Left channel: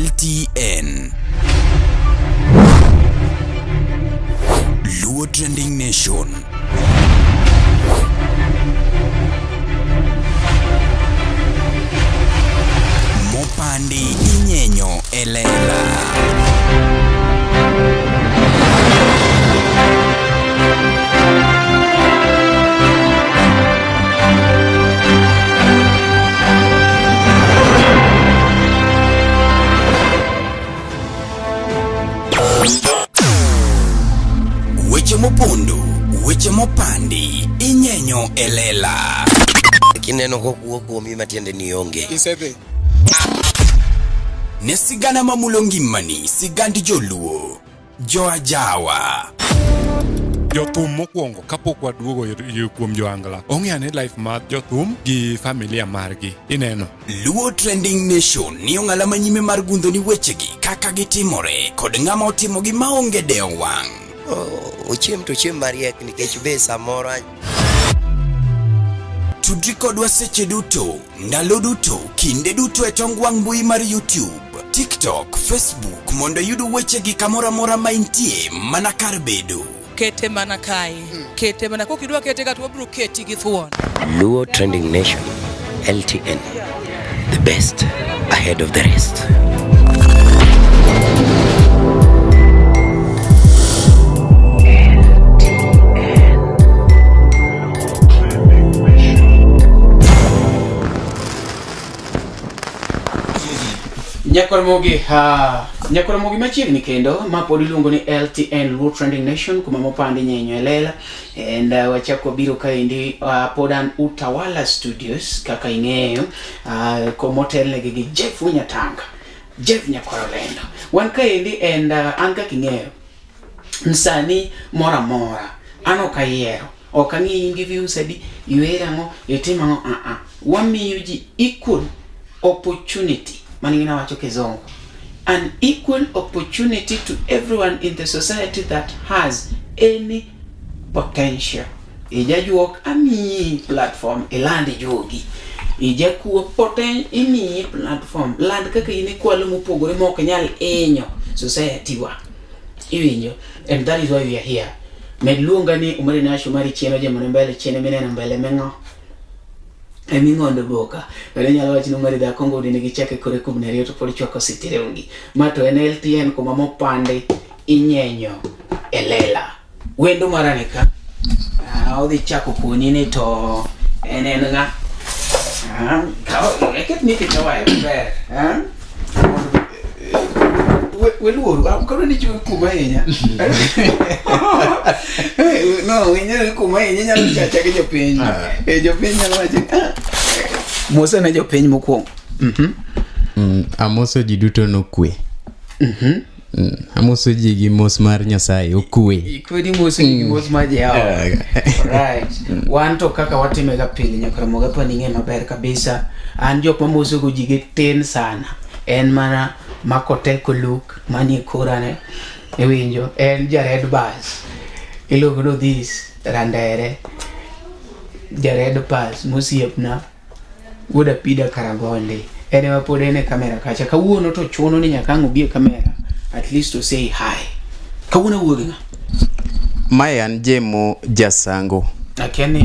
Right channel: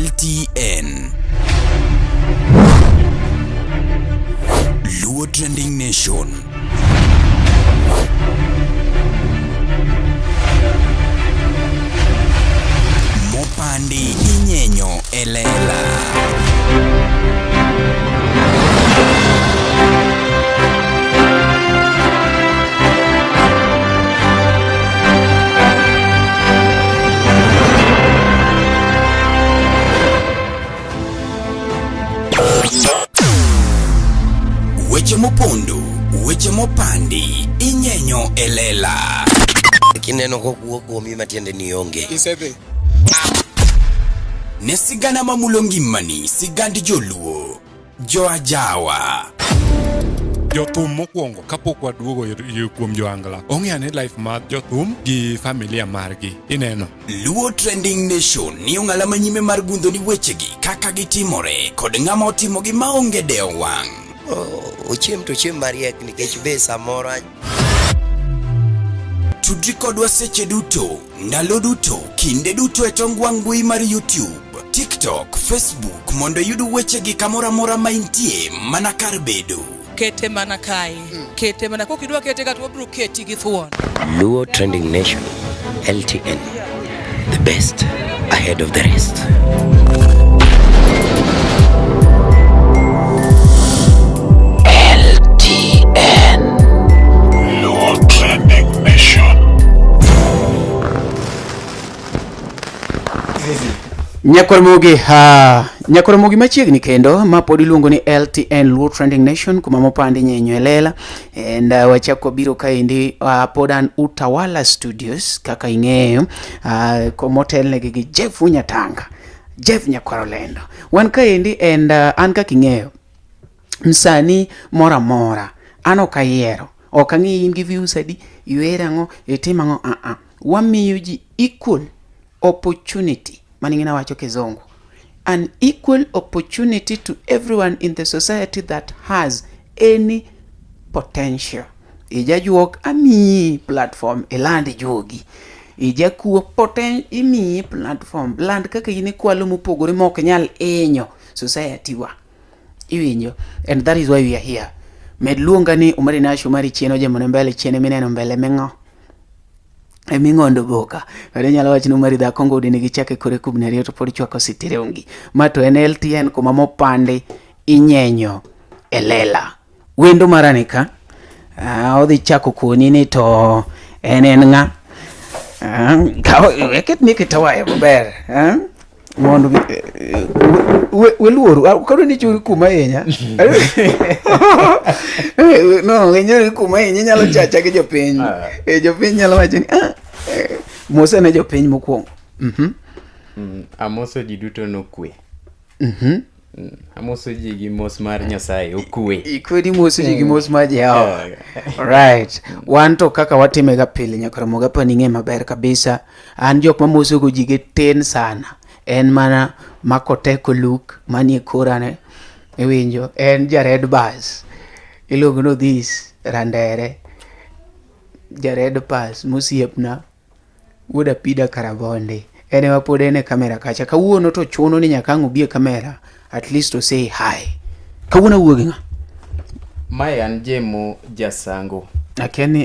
LTN Luo Trending Nation. Mopandi inyenyo elela. Weche mopondo, weche mopandi, inyenyo elela. Kineno kokuo kuomi matiende ni onge. Isebe. Nesigana mamulongi mani, sigandi joluo, joajawa. Jothum mokwongo kapok waduogo kuom joangla. Ong'eane life mar jothum gi familia margi. Ineno. Luo Trending Nation ni ong'ala manyime mar gundo ni wechegi kaka gitimore kod ng'ama otimogi maonge deo wang'. Ochiem to chiem mariek nikech be samoro Tudri kodwa seche duto, ndalo duto, kinde duto e tong wang' mbui mar YouTube, TikTok, Facebook mondo yudu wechegi kamora mora maintie mana kar bedo. Kete mana kai. Kete mana kokidwa kete kat wabro keti gi thuon. Luo Trending Nation LTN, the best ahead of the rest. Nyakoromogi machiegni kendo ma pod iluongo ni LTN Luo Trending Nation kuma mopandi nyenyo elela and wachako biro kaendi pod an Utawala Studios kaka ing'eyo komotelnegi gi Jeff Nyatanga Jeff Nyakorolendo wan kaendi and an kaka ing'eyo msani mora mora an okayiero okang'i in gi views adi iwerango itimango wamiyo ji equal opportunity maningina wacho kizungu, an equal opportunity to everyone in the society that has any potential. Ija juok ami platform elandi jogi. Ija kuo ini platform land kaka ine kwalo mopogore ma ok nyal inyo society wa. Iwinjo, and that is why we are here. Medluonga ni umari nasho mari chieno Jemo mbele chiene mineno mbele mengo. Emingondo boka wale nyala wachino mari da Kongo dini gichake kore kubna riyo to podi chwako sitire ungi mato NLTN kuma mopande inyenyo elela wendo maranika odhi chako kuonini to enenga eket ni kitawaye kuber mondo weluoru ukaro ni chui kuma yenya no yenya kuma yenya nyalo chacha ke jopiny jopiny nyalo wacho mose na jopiny mokwongo amoso ji duto no kwe amoso ji gi mos mar Nyasaye okwe ikwedi mosi gi mos mar Jehova right wanto kaka watime ga pile nyakoromoga pa ninge maber kabisa an jok mamoso go ji ge ten sana en mana makoteko look mani korane ewinjo en Jared Bass iluongo no this randere Jared Bass musiepna wuoda pida Karagonde ene mapod ene kamera kacha kawuono to chuno ni nyaka ng'obie kamera at least to say hi kawuono wuogi nga Mayan Jemo jasango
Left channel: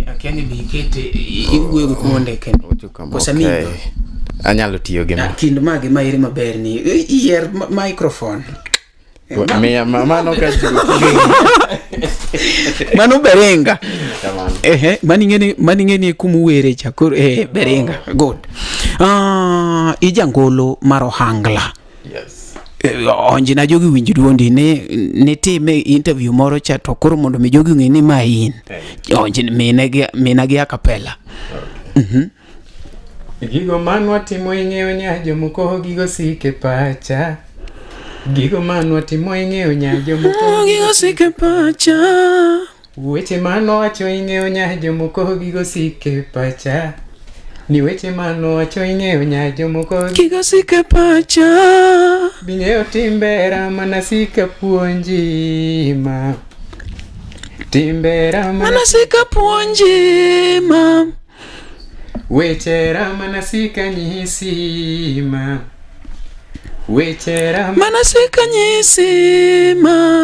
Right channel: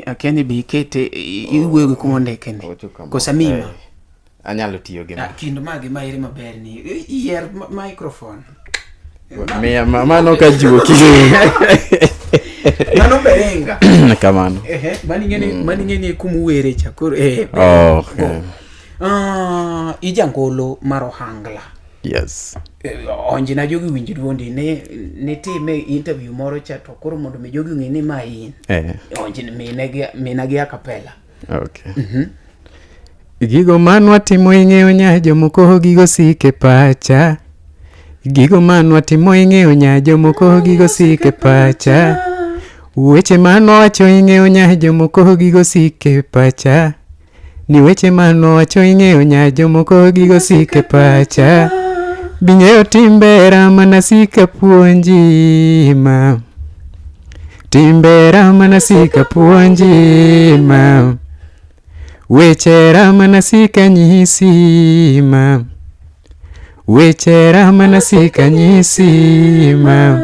akene bikete iwuogi kumonde kende kosamino anyalo tiyo gi kind mage mairi maber ni ear microphone mama no ka jiwo kizo mano berenga kamano maningeni kumuwere chakoro berenga good ijangolo maro hangla yes onji na jogi winjo duondi ne time interview moro cha to koro mondo mi jogi ng'eni ma in onji minagi akapela okay gigo manwa timo ing'eyo nya jomoko gigo sike pacha gigo manwa timo ing'eyo nya jomoko gigo sike pacha weche manwa wacho ing'eyo nya jomoko gigo sike pacha ni weche manwa wacho ing'eyo nya jomoko gigo sike pacha bing'eyo timbera mana sika puonjima timbera mana sika puonjima wechera mana sika nyisima wechera manasika nyisima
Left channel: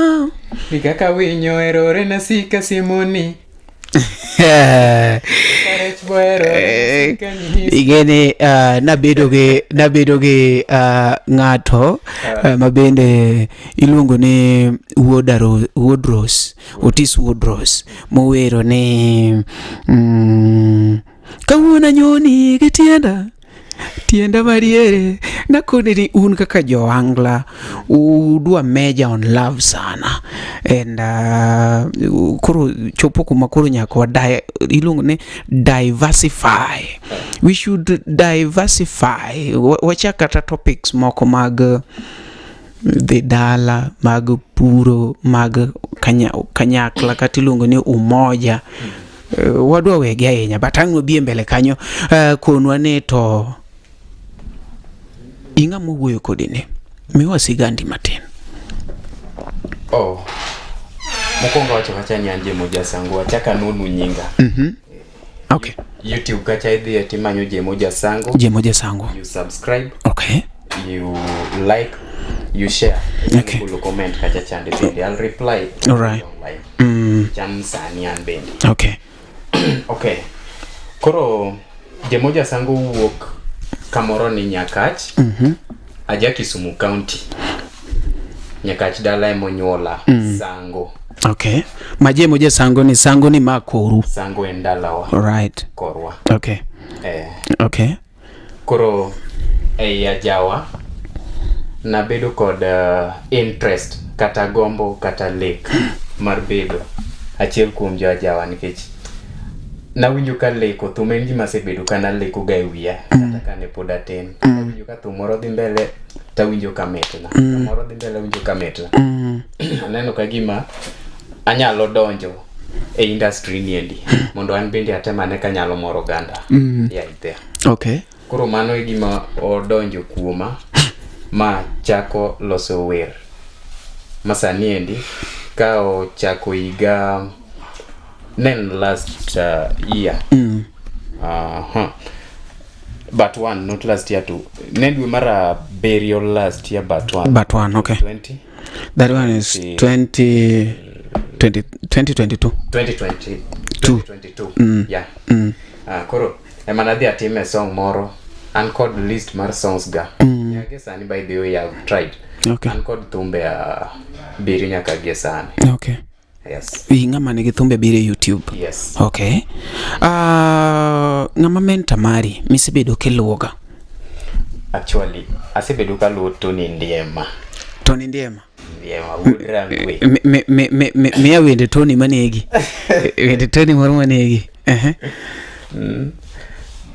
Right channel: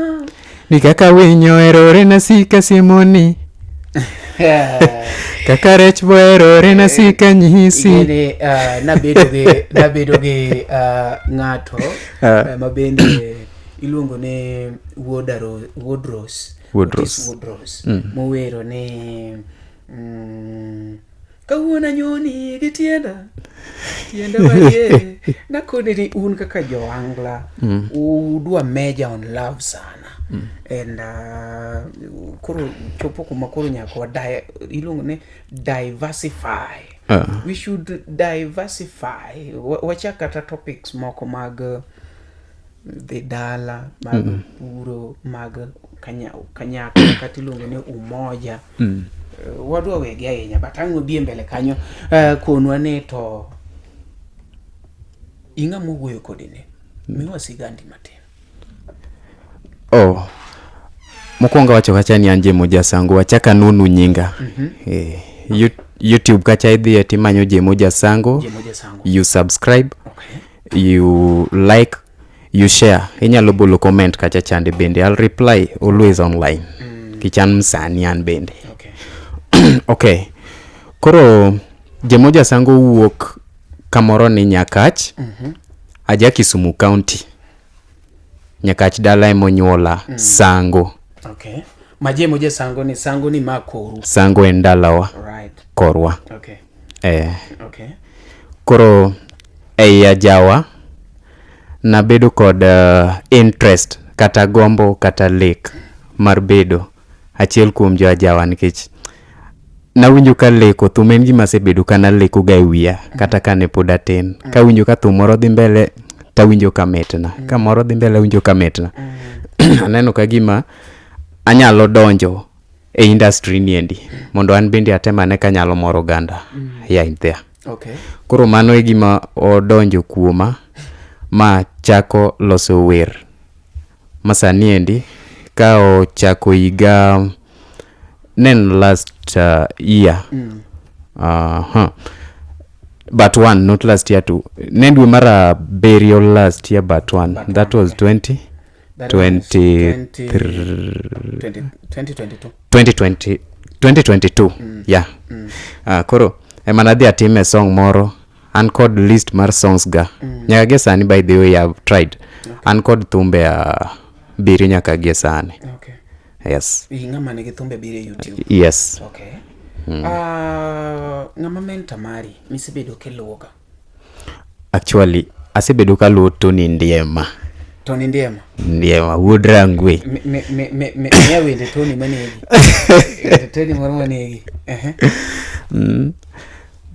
nikaka winyo erore nasika simoni kaka rech bo erore nasika nyisi igene nabedo ge ng'ato mabende iluongo ne Woodrose Otis Woodrose mowero ni kawuona nyoni gi tienda mariere nakone ni un kaka joangla udwa meja on love sana and koro chopo kuma koro nyako iluongo ni diversify. We should diversify. Wacha kata topics moko mag the dala mag puro mag kanyakla kata iluongo ni umoja. Wadwa wege ahinya but ang'o bie mbele kanyo konwa ni to inga muwuoyo kodine miwa sigandi matin. Mokwongo wacho kacha ni Jemo Sango wachaka nunu nyinga. Okay. YouTube kacha idhi timanyo Jemo Sango. You subscribe. Okay. You like, you share. Inyalo bolo comment kacha chande bende. I'll reply always online. Kichan msani an bende. Okay. Okay. Koro Jemo Sango wuok kamoro ni Nyakach. Aja Kisumu County. Nyakach dala emonyuola Sango. Okay. Jemo Sango ni makoru. Sango endalawa. Right. Korwa. Okay. Okay. Koro ajawa nabedo kod interest kata gombo kata lek mar bedo achiel kuom jo ajawa nikech nawinjo ka leko thum en gima sebedo kana leko ga wiya kata kane pod atin ka winjo ka thum moro dhi mbele tawinjo ka metna ka moro dhi mbele winjo ka metna aneno ka gima anyalo donjo e industry niendi mondo an bende atemane kanyalo moro ganda ya idea. Okay. Koro mano e gima odonjo kuoma ma chako loso wer masani endi ka ochako higa nen last year but one not last year too nen dwe mara burial last year but one but that one, was okay. 20 that was 2022 yeah. Koro emanadhi atime song moro an kod list mar songs ga nyaka ge sani by the way I've tried. Okay. An kod thumbe biri nyaka ge sani. Okay. Yes. Ng'ama nigi thumbe bire YouTube. Yes. Okay. Ng'ama menta mari misebedo kiluoga. Actually asebedo kaluo Tonny Ndiema. Tonny Ndiema. Ndiema wood rangwe. Me wende Tonny manegi. Wende Tonny moro manegi.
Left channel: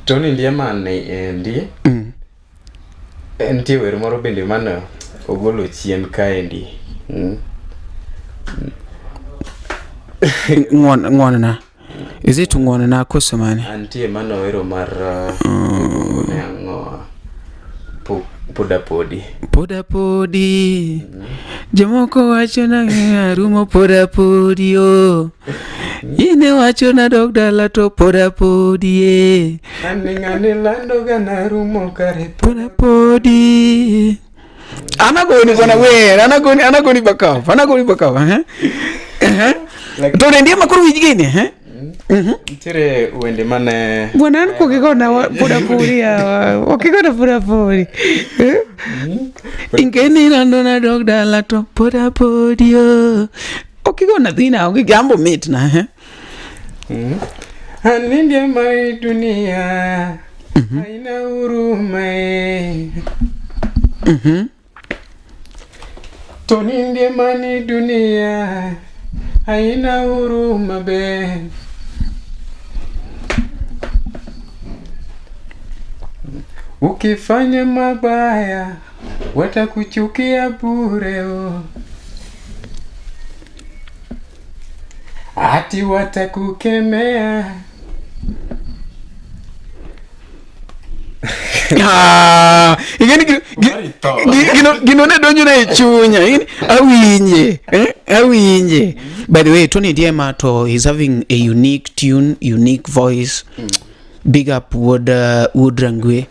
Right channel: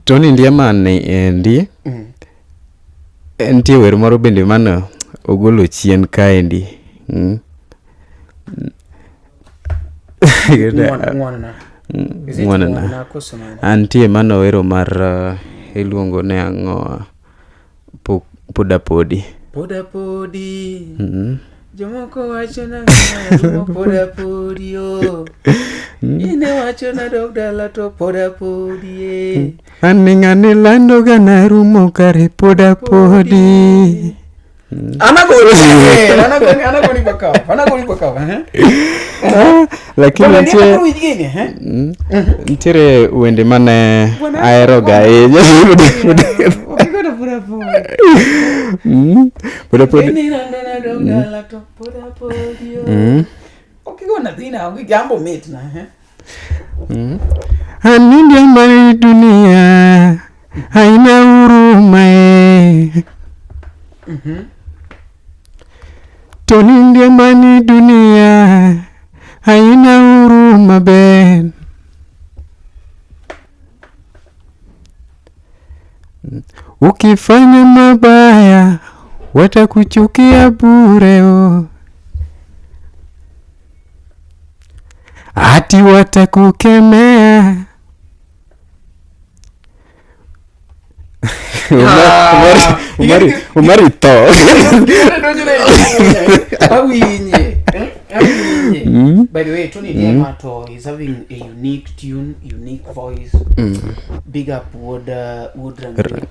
Tonny Ndiema ndi entie wer moro bende mana ogolo chien kaendi. Ngwana. Is it ngwana koso mane? Antie mano wero mar iluongo ne ang'o poda podi. Jomoko wacho na rumo poda podi o. Ine wacho na dog dala to poda podi. Aning'ane lando gana rumo kare poda podi. Anagoni bakao. Lakini Ndiema kuru wigine ntire wende mane aero ga okigona poda podi. Ine lando na dog dala to poda podi o. Okigona dhina okigambo mitna Anindya mali dunia haina huruma Tonny Ndiema ni dunia haina huruma ben ukifanya mabaya watakuchukia bure ati watakukemea Umari to. Gino donjo na chunya. Awinje. By the way, Tonny Ndiema to is having a unique tune, unique voice. Big up Woodrangwe.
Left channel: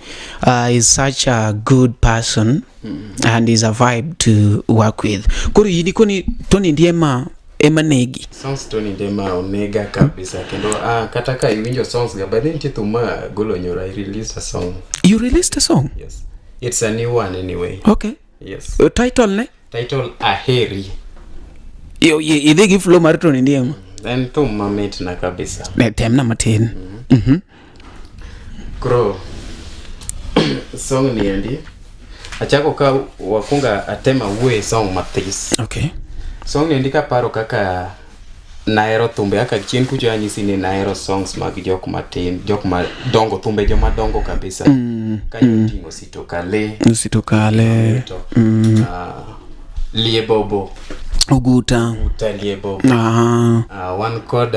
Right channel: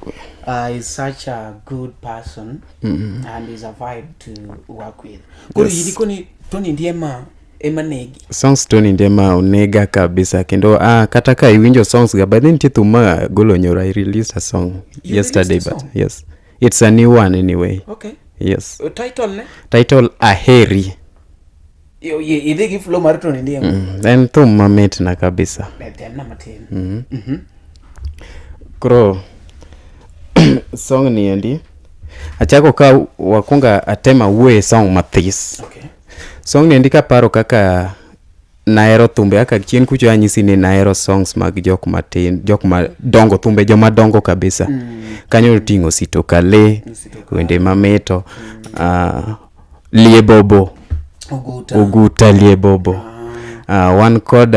Is such a good person and is a vibe to work with. Kuri yini kuni Tonny Ndiema emanegi. Songs Tonny Ndiema onega kabisa kendo kata ka iwinjo songs ga but then tituma golo nyora I released a song yesterday. Yes. It's a new one anyway. Okay. Yes. Title ne? Title Aheri. Yo idegi flow mar Tonny Ndiema. Then thuma met na kabisa. Tem na matin. Kro song ni endi. Achako ka wakunga atema we song mathis. Okay. Song ni ndika paro kaka naero thumbe aka chien kucho anyisi ni naero songs mag jok matin, jok madongo thumbe joma dongo kabisa. Kanyo tingo sitokale, Ndema meto, liebobo, Oguta liebobo. One called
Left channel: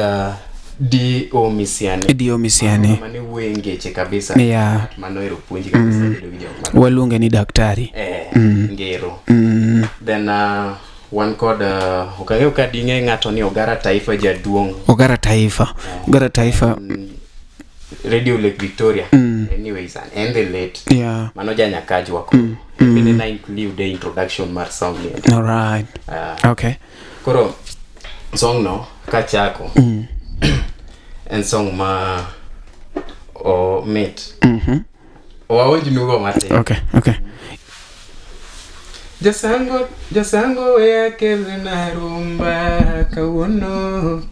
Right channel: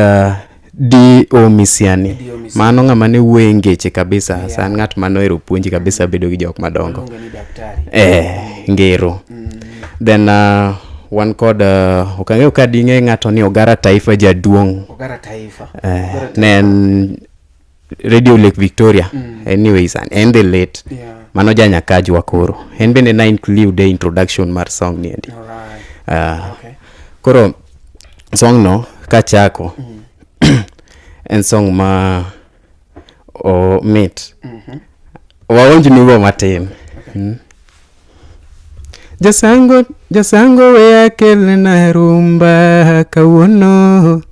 D.O. Misiani. Mano ngama ne wengeche kabisa. San ngat mano ero puonji kabisa bedo gi jok madongo. Walunge ni daktari. Ngero. Then one called ukangeo kadinge ngato ni Ogara Taifa jaduong. Ogara Taifa. Then Radio Lake Victoria. Anyways, and the late. Yeah. Mano janya kaji wakoro. And bene na include the introduction mar song ni. All right. Okay. Koro song no kachako. En song ma mate. Waonji nubo mate. Okay. Jasango we akele na rumba kawono.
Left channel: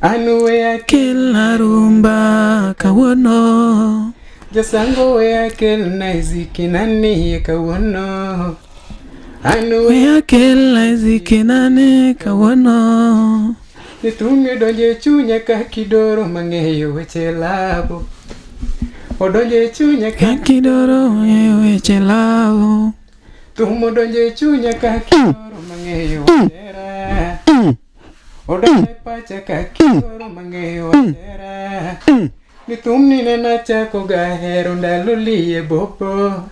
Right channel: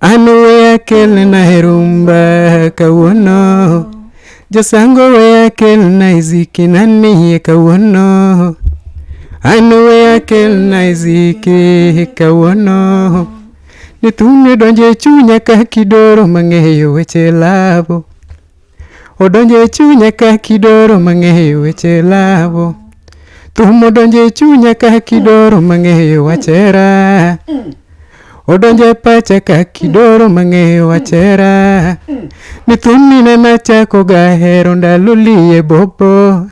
Anu we akele na rumba kawono. Jasango we akele na iziki nani kawono. Anu we akele na iziki kawono. Nitune donje chunya ka kidoro mangeyo weche labo. Odonje chunya ka kidoro mangeyo weche labo. Tumo donje chunya ka kidoro mangeyo wachera. Odonje pacha ka kidoro mangeyo wachera. Nituni na nachako gahero ndalulie bobo.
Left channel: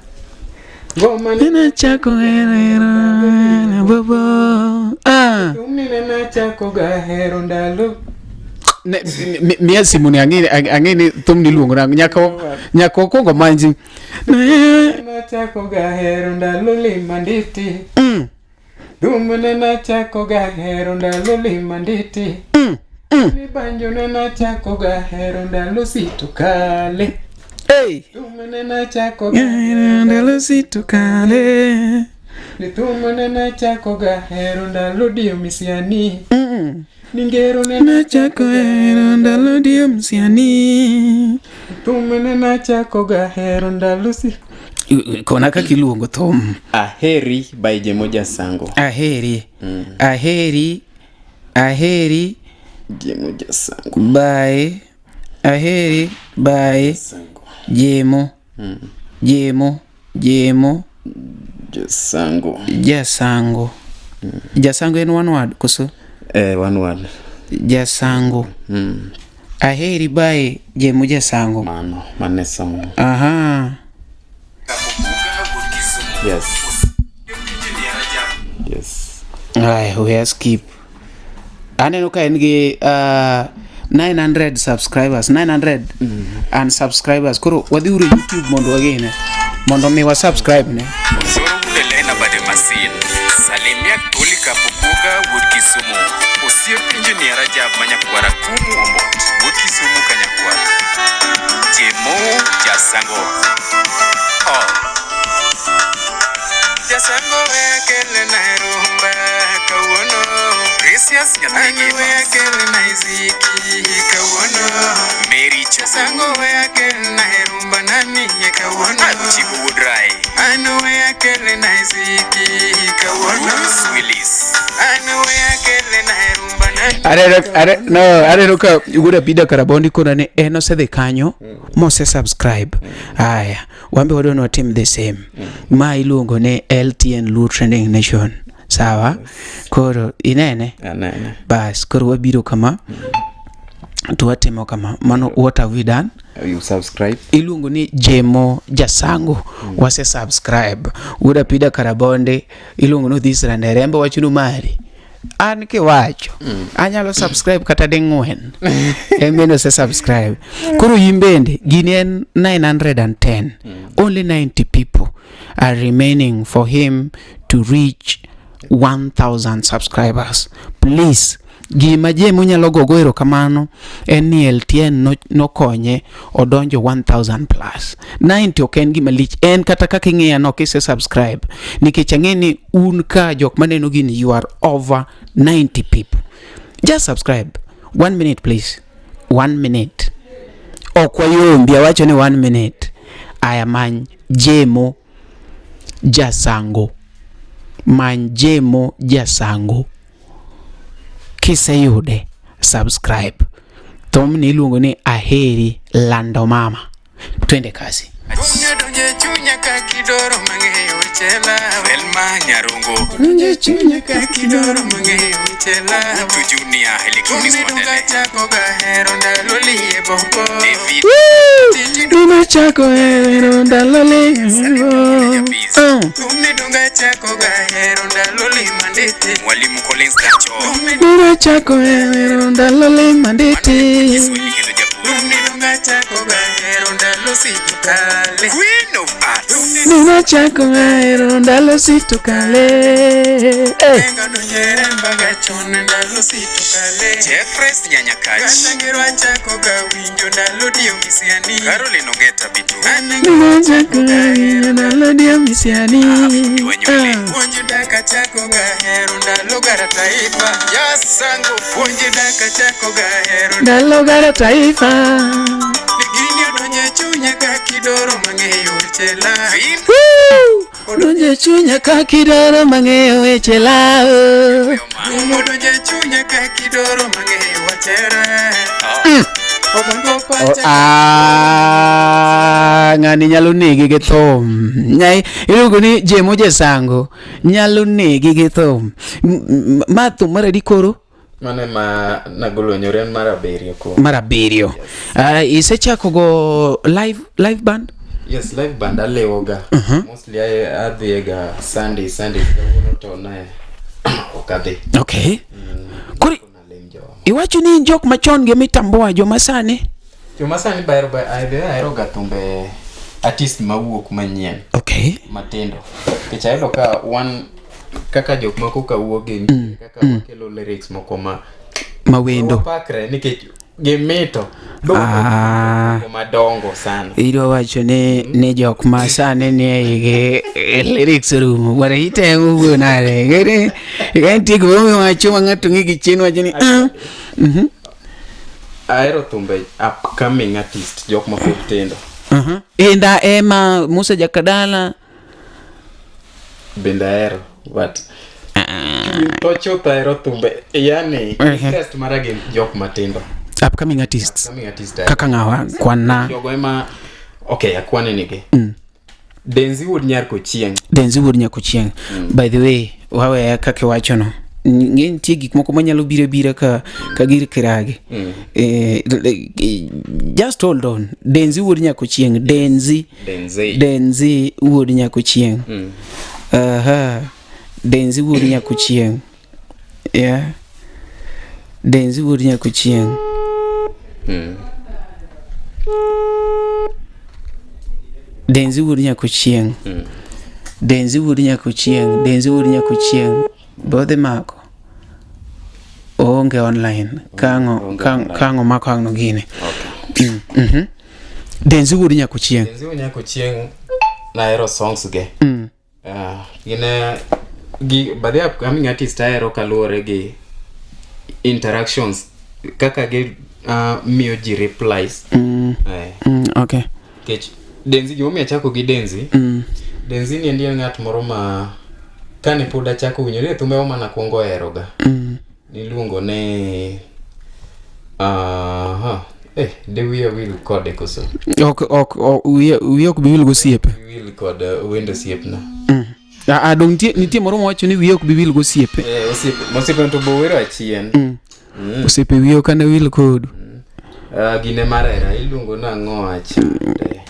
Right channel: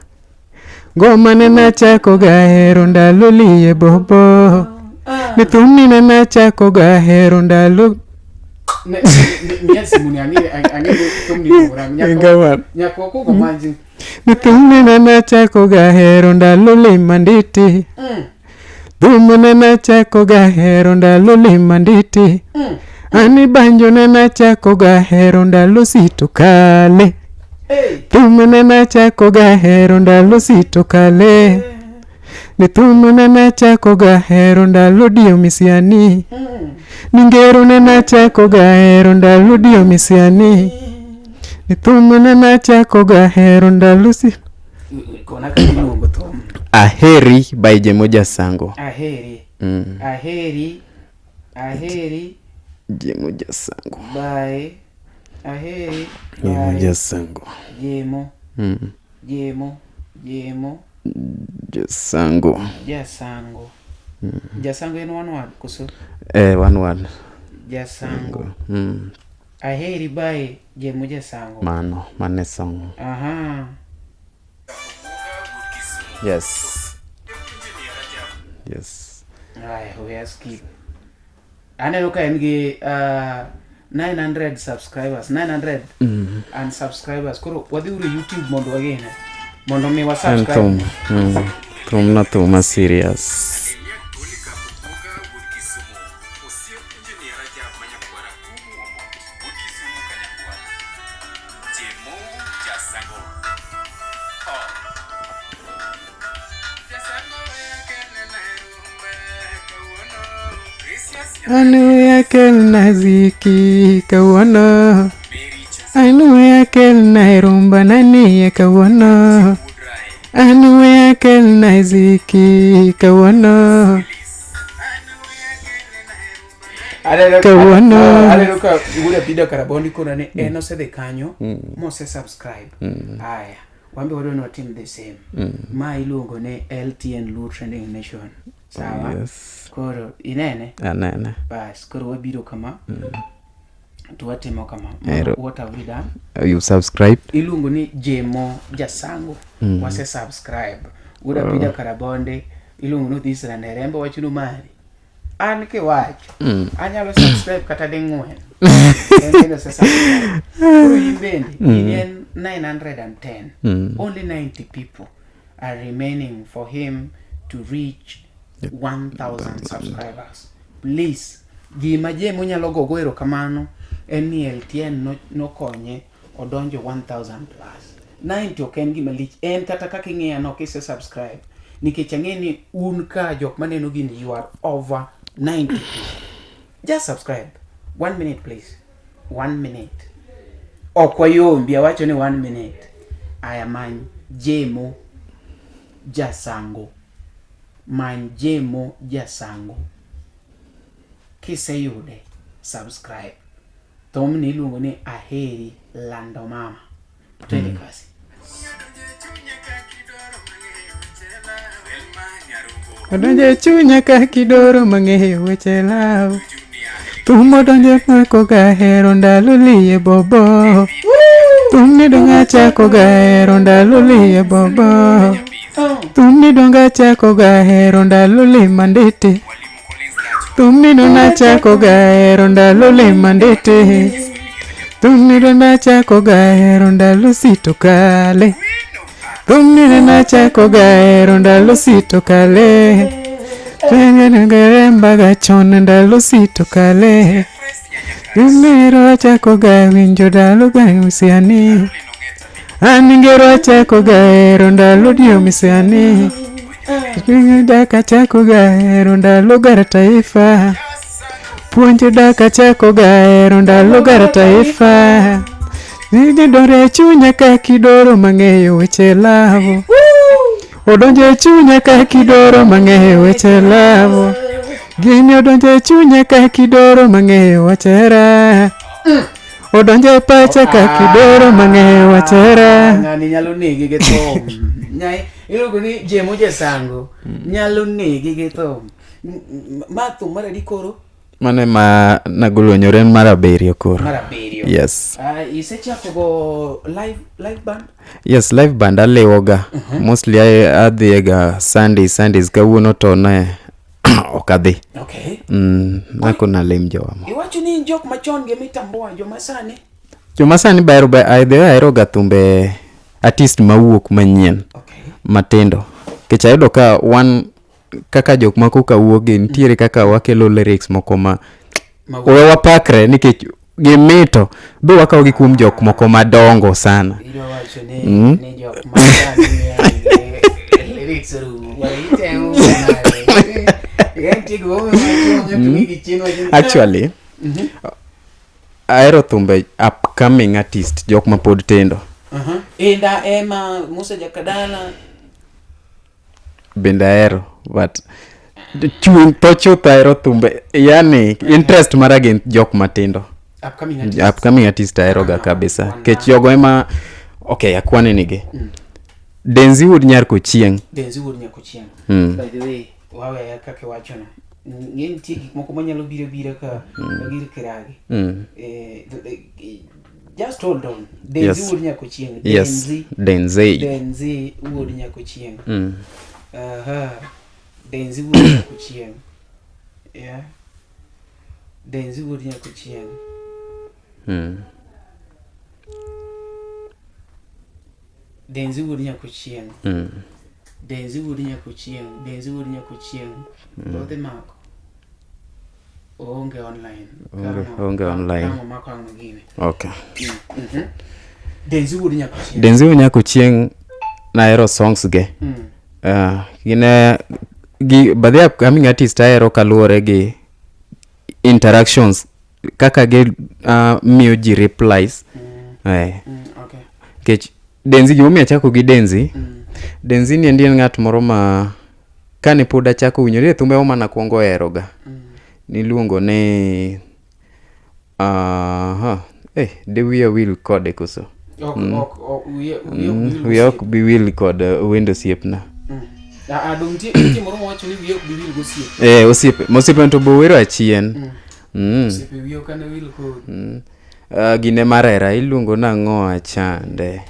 Goma na nachako gahero ndalulie bobo. Nituni na nachako gahero ndalu. Miesi muni angeni tumni lungu nyako kongo manji. Nituni na nachako gahero ndalulie manditi. Dumu na nachako gahero ndalulie manditi. Ani banjo na nachako gahero ndalusito kale. Dumu na nachako gahero ndalusito kale. Nitumu na nachako gahero ndaludio misiani. Ningero na nachako gahero ndaludio misiani. Nitumu na nachako gahero ndalusi. Kona kakiluongo thum. Aheri by Jemo Sango. Aheri. Jemo Sango. By Aheri by Sango. Jemo. Sango. Jasango in one word kuso. One word. Jasango. Aheri by Jemo Sango. Mane song. Aha. Yes. Ay, we have skip. Aneno ka engi 900 subscribers, 900 and subscribers. Kuro wadhiuru YouTube mondo wagene. Mondo mi wa subscribe ne. Toma serious. Salimia Tolika Pukuga Wood Kisumu. Osir engineer Rajab Manyakwara Kumu Omot. Wood Kisumu Kanyakwara. Jemo Sango. Sango ekele na rumba kawono. Precious Anu ekele na iziki kawono. Mary Anu ekele na rumba nani kawono. Anu ekele na iziki kawono. Arero ka yuguda pida karabondi kuna ne eno sede kanyo mose subscribe. Aya wambe wadono wa team the same. Ma iluongo ne LTN Lu Trending Nation. Sawa? Koro inene? Anana. Bas koro wabiro kama tuwatimo kama mano what have we done. You subscribe. Iluongo ni Jemo Sango wase subscribe. Uda pida karabonde iluongo no this randerembo wachuno mari. An ke wacho anyalo subscribe kata ding'wen emeno se subscribe koro yimbende gini en 910 only 90 people are remaining for him to reach 1000 subscribers. Please gima Jemo nyalo gogo erokamano en ni LTN no konye odonjo 1000 plus 90 ok en gima lich en kata kaka ing'eya no kise subscribe nikech ang'eni un ka jok maneno gini you are over 90 people. Just subscribe 1 minute please, 1 minute okwa yombi awacho ni 1 minute. Aya many Jemo Sango, many Jemo Sango kiseyude subscribe. Thomni iluongo ni aheri lando mama. Twende kasi. Donje chunya ka kidoro mang'eyo chela Welma Nyarungo Donje chunya ka kidoro mang'eyo chela Junior Tumo donje chako gahero ndalo liye bobo Tumi donga chako gahero ndalo liye bobo Tumi donga chako gahero ndalo liye mandete Mwalimu Collins Dacho Tumi donga chako gahero ndalo liye mandete Tumi donga chako gahero ndalo sito kale Queen of Arts Tumi donga chako gahero ndalo sito kale Tengo nagemba gachon ndalo sito kale Fresh Nyanyakachi Ningero chako gawinjo ndalo dio misiani Caroline Ogeta Bitu Aningero chako gahero ndalo dio misiani Wenywele Nini daka chako gahero ndalo gara taifa Yes Sango Puonje daka chako gahero ndalo gara taifa Nini dore chunya ka kidoro mang'eyo weche lavu Odonje chunya ka kidoro mang'eyo weche lavu Gini odonje chunya ka kidoro mang'eyo wachera Odonje pacha ka kidoro mang'eyo wachera Ng'ani nyalo negi gi thum. Nyai iluongo ni Jemo Sango nyalo negi gi thum. Ma thum mar adi koro? Mane ma nagolonyore maraberio koro. Maraberio. Yes. Isechako go live band? Yes, live band alewoga. Mostly adhiega Sundays kawuono to ne okadhi. Okay. Nako nalem jowa. Iwacho ni jok machon gi mitamboa joma sani? Joma sani bayro aeroga thumbe artist mawuok manyien. Okay. Matindo. Kech ayudo ka one kaka jok moko kawuoge nitiere kaka wakelo lyrics moko ma wapakre nikech gimito do wakaw gi kum jok moko madongo sana. Iro wacho ne jok masani ne lyrics room ware itengu nale enti go wacho ng'ato ngi chien wacho ni actually aero thumbe upcoming artist jok ma pod tindo. Enda ema Musa Jakadala Benda aero but tocho aero thumbe yani interest maragin jok matindo. Upcoming artist aeroga kabisa kech jogo ema okay akwane nige Denzi Wood Nyarko Chieng. By the way wawe kake wacho no ng'eny tie gik moko manyalo bira ka gir kirage. Just hold on. Denzi Wood Nyako Chieng. Denzi Wood Nyako Chieng. Denzi Wood Nyako Chieng. Yeah. Denzi Wood Nyako Chieng. Denzi Wood Nyako Chieng. Denzi Wood Nyako Chieng. Bode mako onge online kango mako ang'no gine. Okay. Denzi Wood Nyako Chieng na aero songs ge. Gine badhe upcoming artist aero kaluore gi interactions kaka ge miyo ji replies. Okay. Kech Denzi gimomi achako gi Denzi ni ndien ng'at moro ma kane pod achako winjore thumbe o mana kuongo eroga. Niluongo ne de we will code koso. We be will code window siep na. Dong tie moro wacho ni wiok bi wil go siepe. Osiepe to bo wero achien. Osiepe wiok kana wil code. Gine marera iluongo nang'o achande.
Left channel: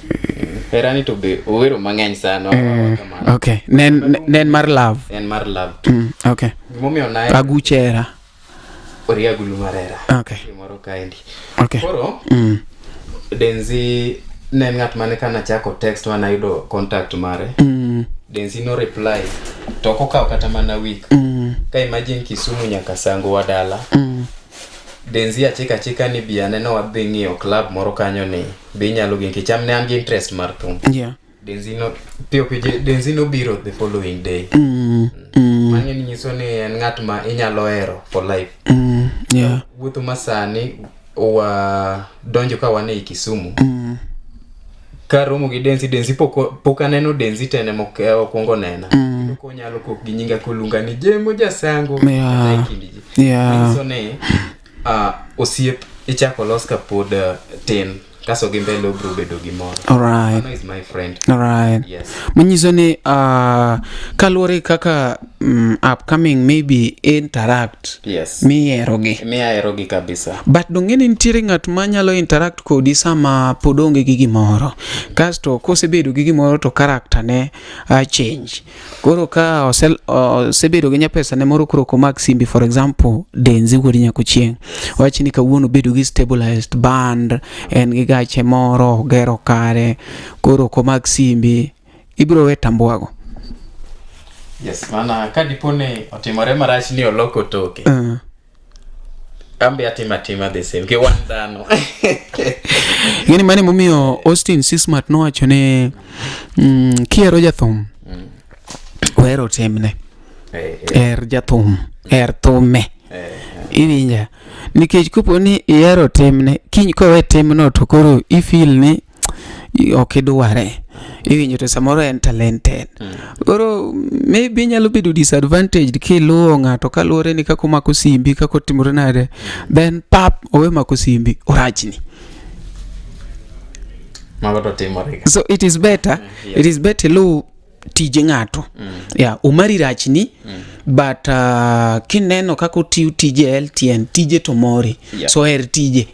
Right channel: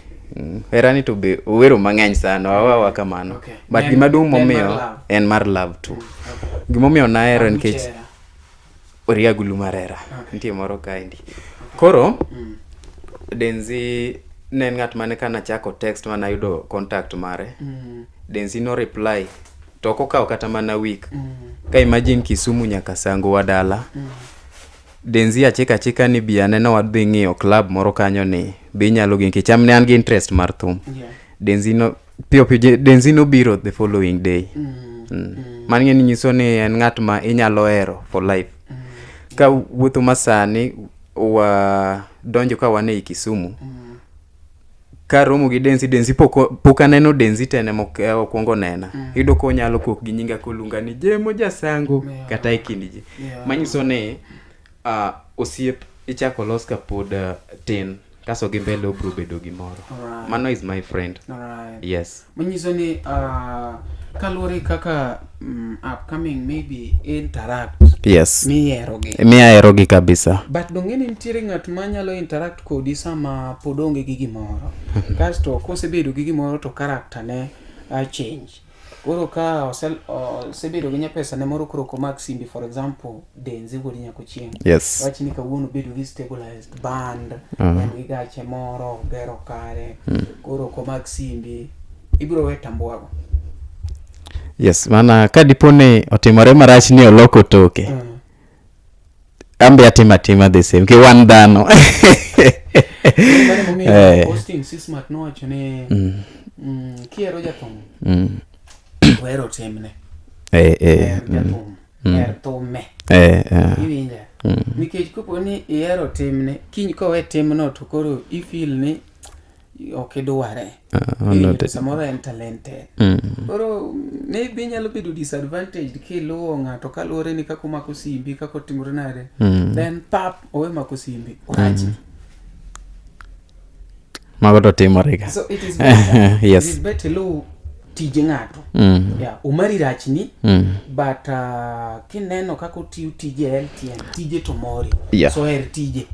Hera ni to be owero mang'eny sana wawa kamano. Okay. Nen mar love. En mar love. Okay. Gimomiyo nahero Aguchera. Oriagulu marera. Okay. Timoro kaendi. Okay. Koro Denzi ne ng'at mane kana chako text mana yudo contact mare. Denzi no reply. Toko kao kata mana week. Ka imagine Kisumu nyaka Sango wadala. Denzi achika ni biane no wadhi ng'iyo club moro kanyo ni bi nyalo gi kicham ne an gi interest mar thum. Yeah. Denzi no Denzi no biro the following day. Mani nyiso ni en ng'at ma inyalo hero for life. Ka wuotho masani wa donjo ka wane Kisumu. Ka romo gi Denzi pok aneno Denzi tene mokwongo nena. Yudo ko nyalo kok gi nyinga kolunga ni Jemo jasango kata ikindi ji. Manyiso ni osiep ichako los ka pod tin kaso gi mbele obro bedo gi moro. Alright. Mano is my friend. Alright. Yes. Manyiso ni kalore kaka upcoming maybe interact. Yes. Mi erogi kabisa. But dongeni nitiere ng'at ma nyalo interact kodi sama pod onge gi gimoro. Kasto kosebedo gi gimoro to character ne change. Koro ka osebedo gi nyapesa ne moro kuro komak simbi, for example Denzi wuodi nyako chieng. Yes. Wachi ni kawuono bedo gi stabilized band, en gi gache moro gero kare. Koro komak simbi ibro we tambuago. Yes, mana ka dipone otimore marach ni oloko toke. Ambe atima the same ke wan dhano. Nini mani momiyo Austin Sismat no wacho ne kiero jathum. Wero temne. Jathum. Thume. Iwinja. Nikech kopo ni iero temne, kiny kowe temno to koro ifeel ni okidware. Iwinjo to samoro en talented. Koro maybe nyalo bedo disadvantaged kiluwo ng'ato kaluwore ni kako mako simbi, kako timore nade. Then pap owe mako simbi orajni. Magoto timore. So it is better. Yes. It is better lo tije ng'ato. Yeah, umari rachni. But kineno kako tiu tije LTN, tije tomori. Yeah. So her tije.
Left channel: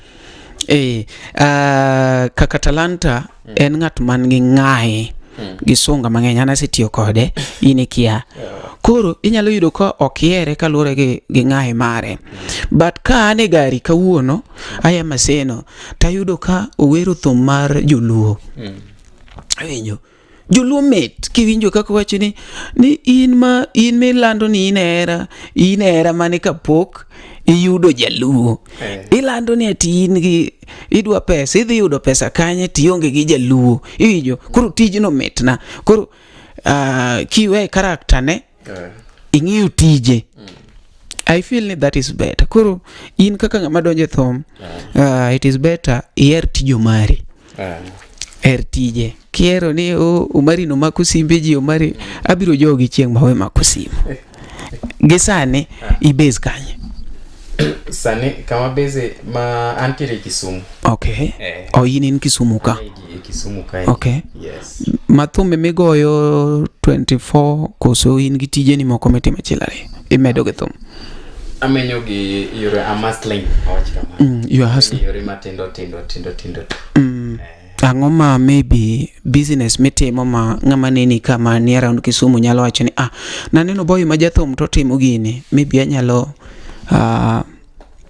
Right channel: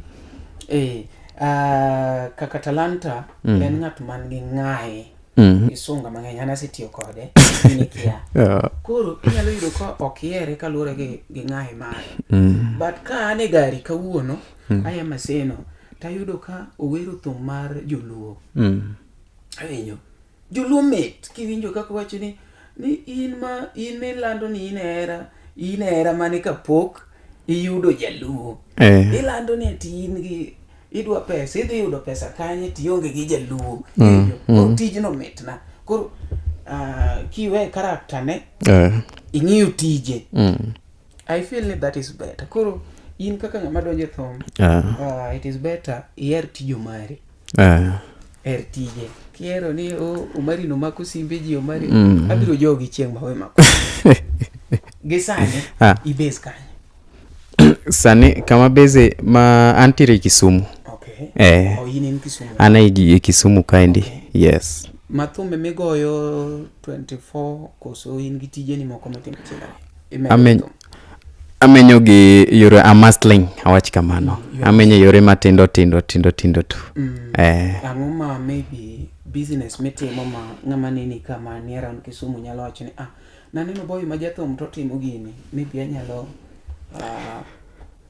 Kaka talanta en ng'at man gi ng'ae gi sunga mang'eny anase tiyo kode ini kia. Koro inyalo yudo ka okiere kalure gi ng'ae mare. But ka ane gari kawuono aya maseno tayudo ka owero thum mar joluo. Awinjo joluo met kiwinjo kako wacho ni in me lando ni inera mane kapok iyudo jaluo. Ilando ni ati in gi idwa pesa, idhi yudo pesa kanye tionge gi jaluo. Iwinjo koro tijno metna. Koro kiwe karakter ne ing'iyo tije. I feel that is better. Koro in kaka ng'ama donje thum, it is better ier tijo mari. Tije kiero ni umari no mako simbe ji umari abiro jogi chieng' mawe mako gisani ibase kanye sani kama base ma antire Kisumu. Okay. Yin in Kisumu ka? Ana Kisumu kaendi. Okay. Yes. Mathume migoyo 24 koso in gi tije ni moko metime chilare imedo githum. Amenyo gi yore amasling awach kamano. Amenyo yore matindo tu. Angoma maybe business mitimo ma ng'ama nini kama ni around Kisumu nyalo wacho ni naneno boy ma jathum to timo gini maybe anyalo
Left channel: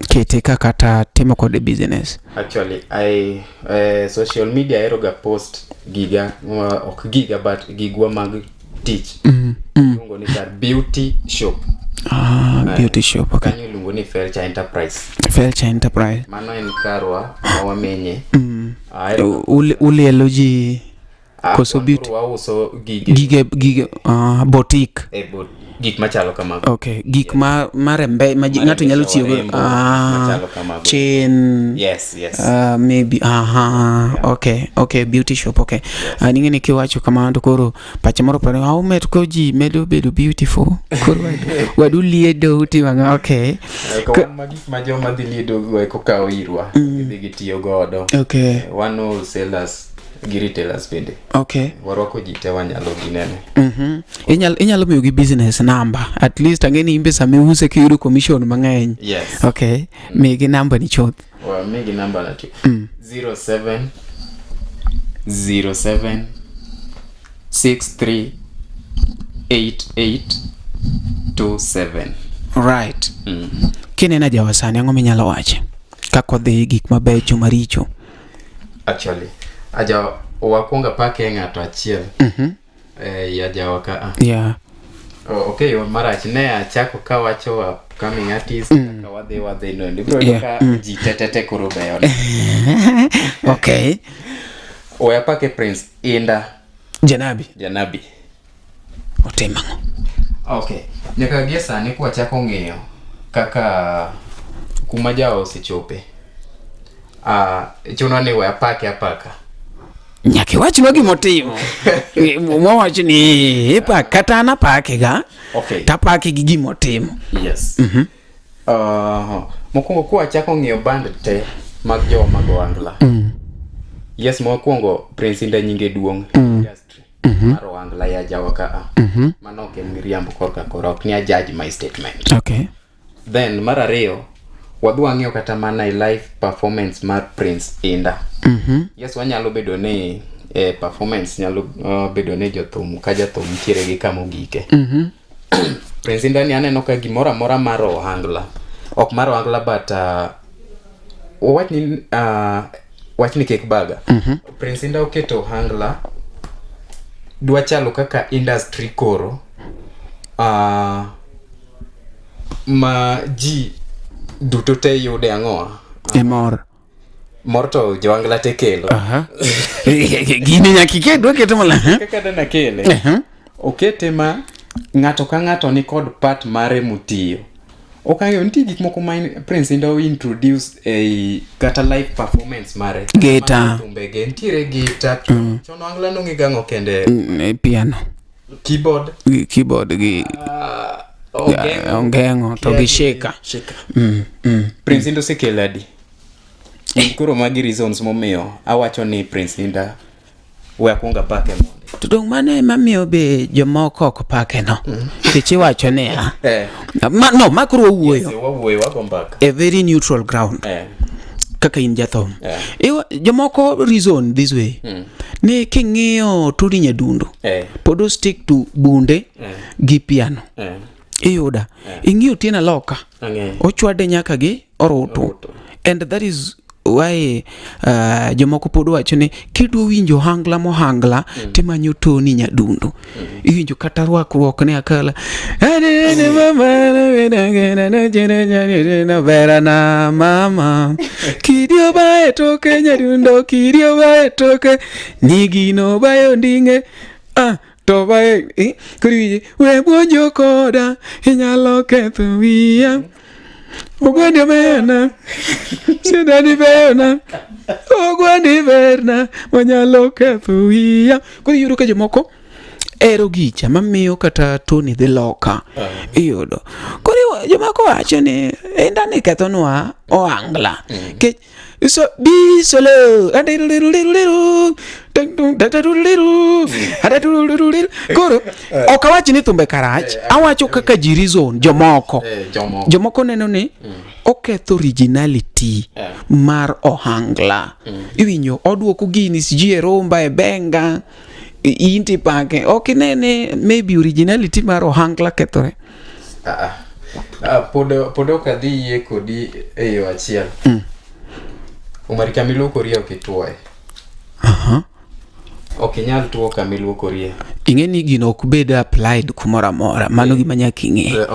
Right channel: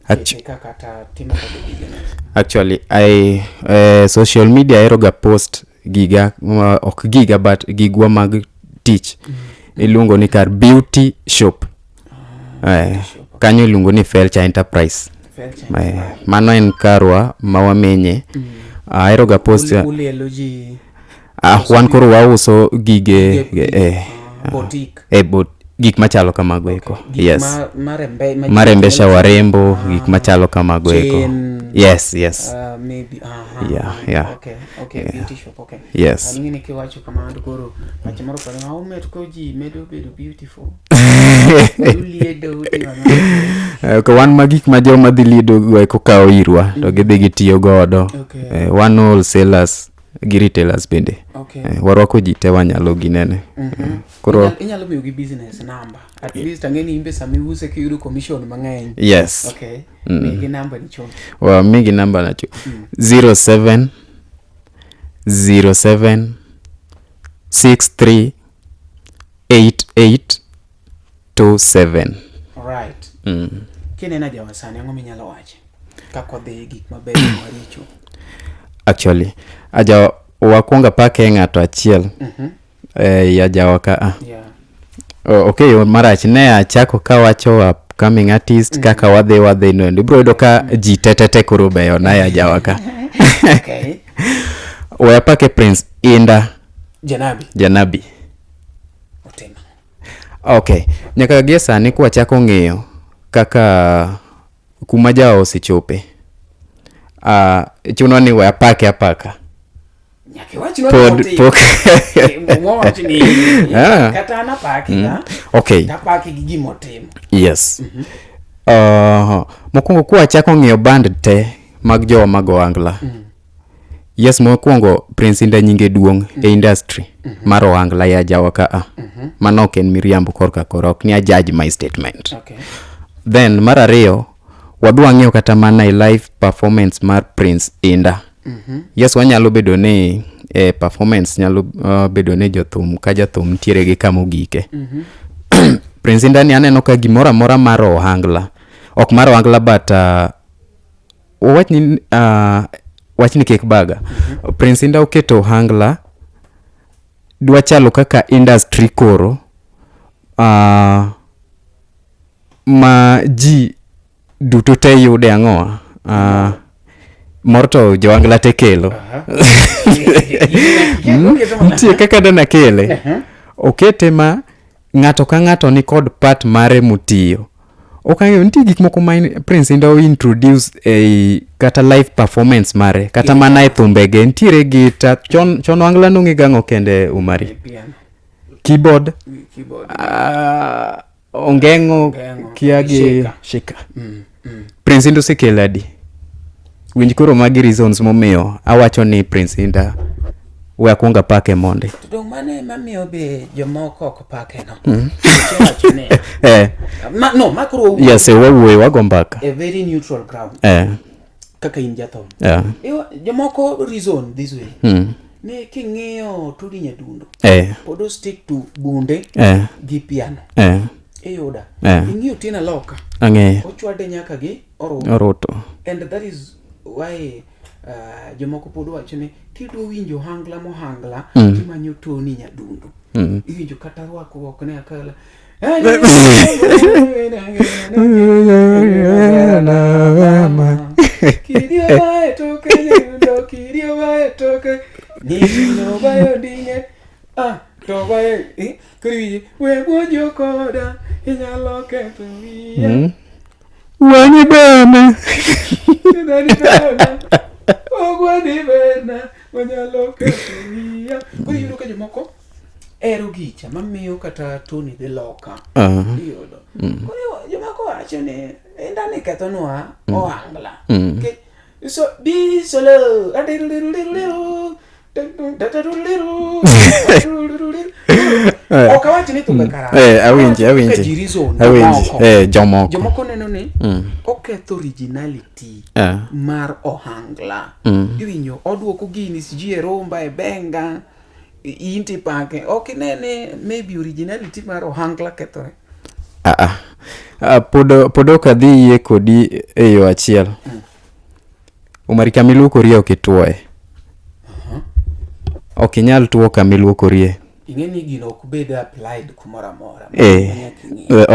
kecheka kata timo kode business. Actually I social media eroga post giga ok giga but gigwa mag teach. Ilungo ni kar beauty shop. Beauty shop. Okay. Kanyo ilungo ni Felcha Enterprise. Mano en karwa mawamenye. Eroga post uliology wan koro wauso gige boutique. Gik machalo kamago. Okay. Gik marembesha warembo, gik machalo kamago eko. Yes. Maybe okay, beauty shop. Okay. Yes. Ningini kiwacho kama ndo koro pachamoro pare aumet ko ji medo bedo beautiful. Waduliedo utimanga. Okay. Ko wan magik ma joma dhi liedo go eko kawo irwa to gidhi gitiyo godo. Okay. One wholesalers gi retailers bende. Okay. Warwako ji te wanyalo ginene. Inyalo miyo gi business number. At least angeni imbe sami use kiyudo commission mang'eny. Yes. Okay. Migi number ni chot. Migi number na chot. 07 07 63 88 27. Right. Kinena jawasani ang'o minyalo wache kako dhi gik mabecho maricho. Actually aja wakwonga pake ng'ato achiel ya jawaka Yeah. Okay, marach ne achako ka wacho upcoming artist kaka wadhi no bro doka ji tetete kuro beyo na ya jawaka. Okay. Oya pake Prince Inda Janabi otemango. Okay, nyaka gie sani kwa chako ng'eyo kaka kuma jao sichope. Chuno ni waya pake apaka. Nyaki wachi no moti. Mo wachi ni kata na pake ga. Okay. Ta pake gi gimotim. Yes. Mokwongo kwa chako ng'eyo band te mag jowa mago angla. Yes, mokwongo Prince Inda nyinge duong e industry mar oangla ya jawaka manok en miriambo korka korok ni a judge my statement. Okay. Then mar ariyo wadwa ng'eyo kata mana e live performance mar Prince Inda. Yes, wanyalo bedo ne performance nyalo bedo ne jothum ka jothum tiere gi kamo gike. Prince Inda ni aneno ka gimora mora mar ohangla ok mar ohangla but wachni kek baga. Prince Inda oketo ohangla dwa chalo kaka industry koro ma ji duto te yude ang'o morto joangla te kelo. Kaka dana kele okete ma ng'ato ka ng'ato ni kod part mare mutiyo. Okay, nti gik moko ma Prince Inda introduce kata live performance mare kata mana e thumbege ntiere gita chon wangla no ng'igang'o kende umare piano keyboard gi ongengo to gi shika. Prince Inda sekeladi koro magi reasons momiyo awacho ni Prince Inda we akunga pake monde to dong mane mamiyo be jomoko ok pake no che wacho ne no makro yes we wagombaka a very neutral ground kaka in jathom jomoko reason this way ni king'iyo tudi nyadundo podo stick to bunde gi piano iyuda ing'iyo tiena loka ochwade nyaka gi oroto and that is why jomoko pod wacho ni kidwa winjo hangla mohangla timanyo Tonny nyadundo iwinjo kata rwakruok ne akala berana mama kidio bae toke nyadundo kidio bae toke nigino bayo ndinge to bae kuri we buonjo koda inyalo ketho wiya Wani berna Sidani berna Ogwani berna Manyalo kefuia Kwa yuru ka jomoko ero gicha mamiyo kata Tonny dhi loka iyudo kwa jomoko wacho ni endani kethonwa oangla ke so be solo okawachi ni thumbe karach awacho kaka jirizon jomoko neno ni oketho originality mar ohangla iwinjo oduoko gini sijie romba e benga inti pake okinene maybe originality mar ohangla kethore podo kadhi ye kodi eyo achiel umari kamiluoko rie okituoe okinyal tuo kamiluoko rie ingeni gino okbed applied kumora mora manyaka ing'e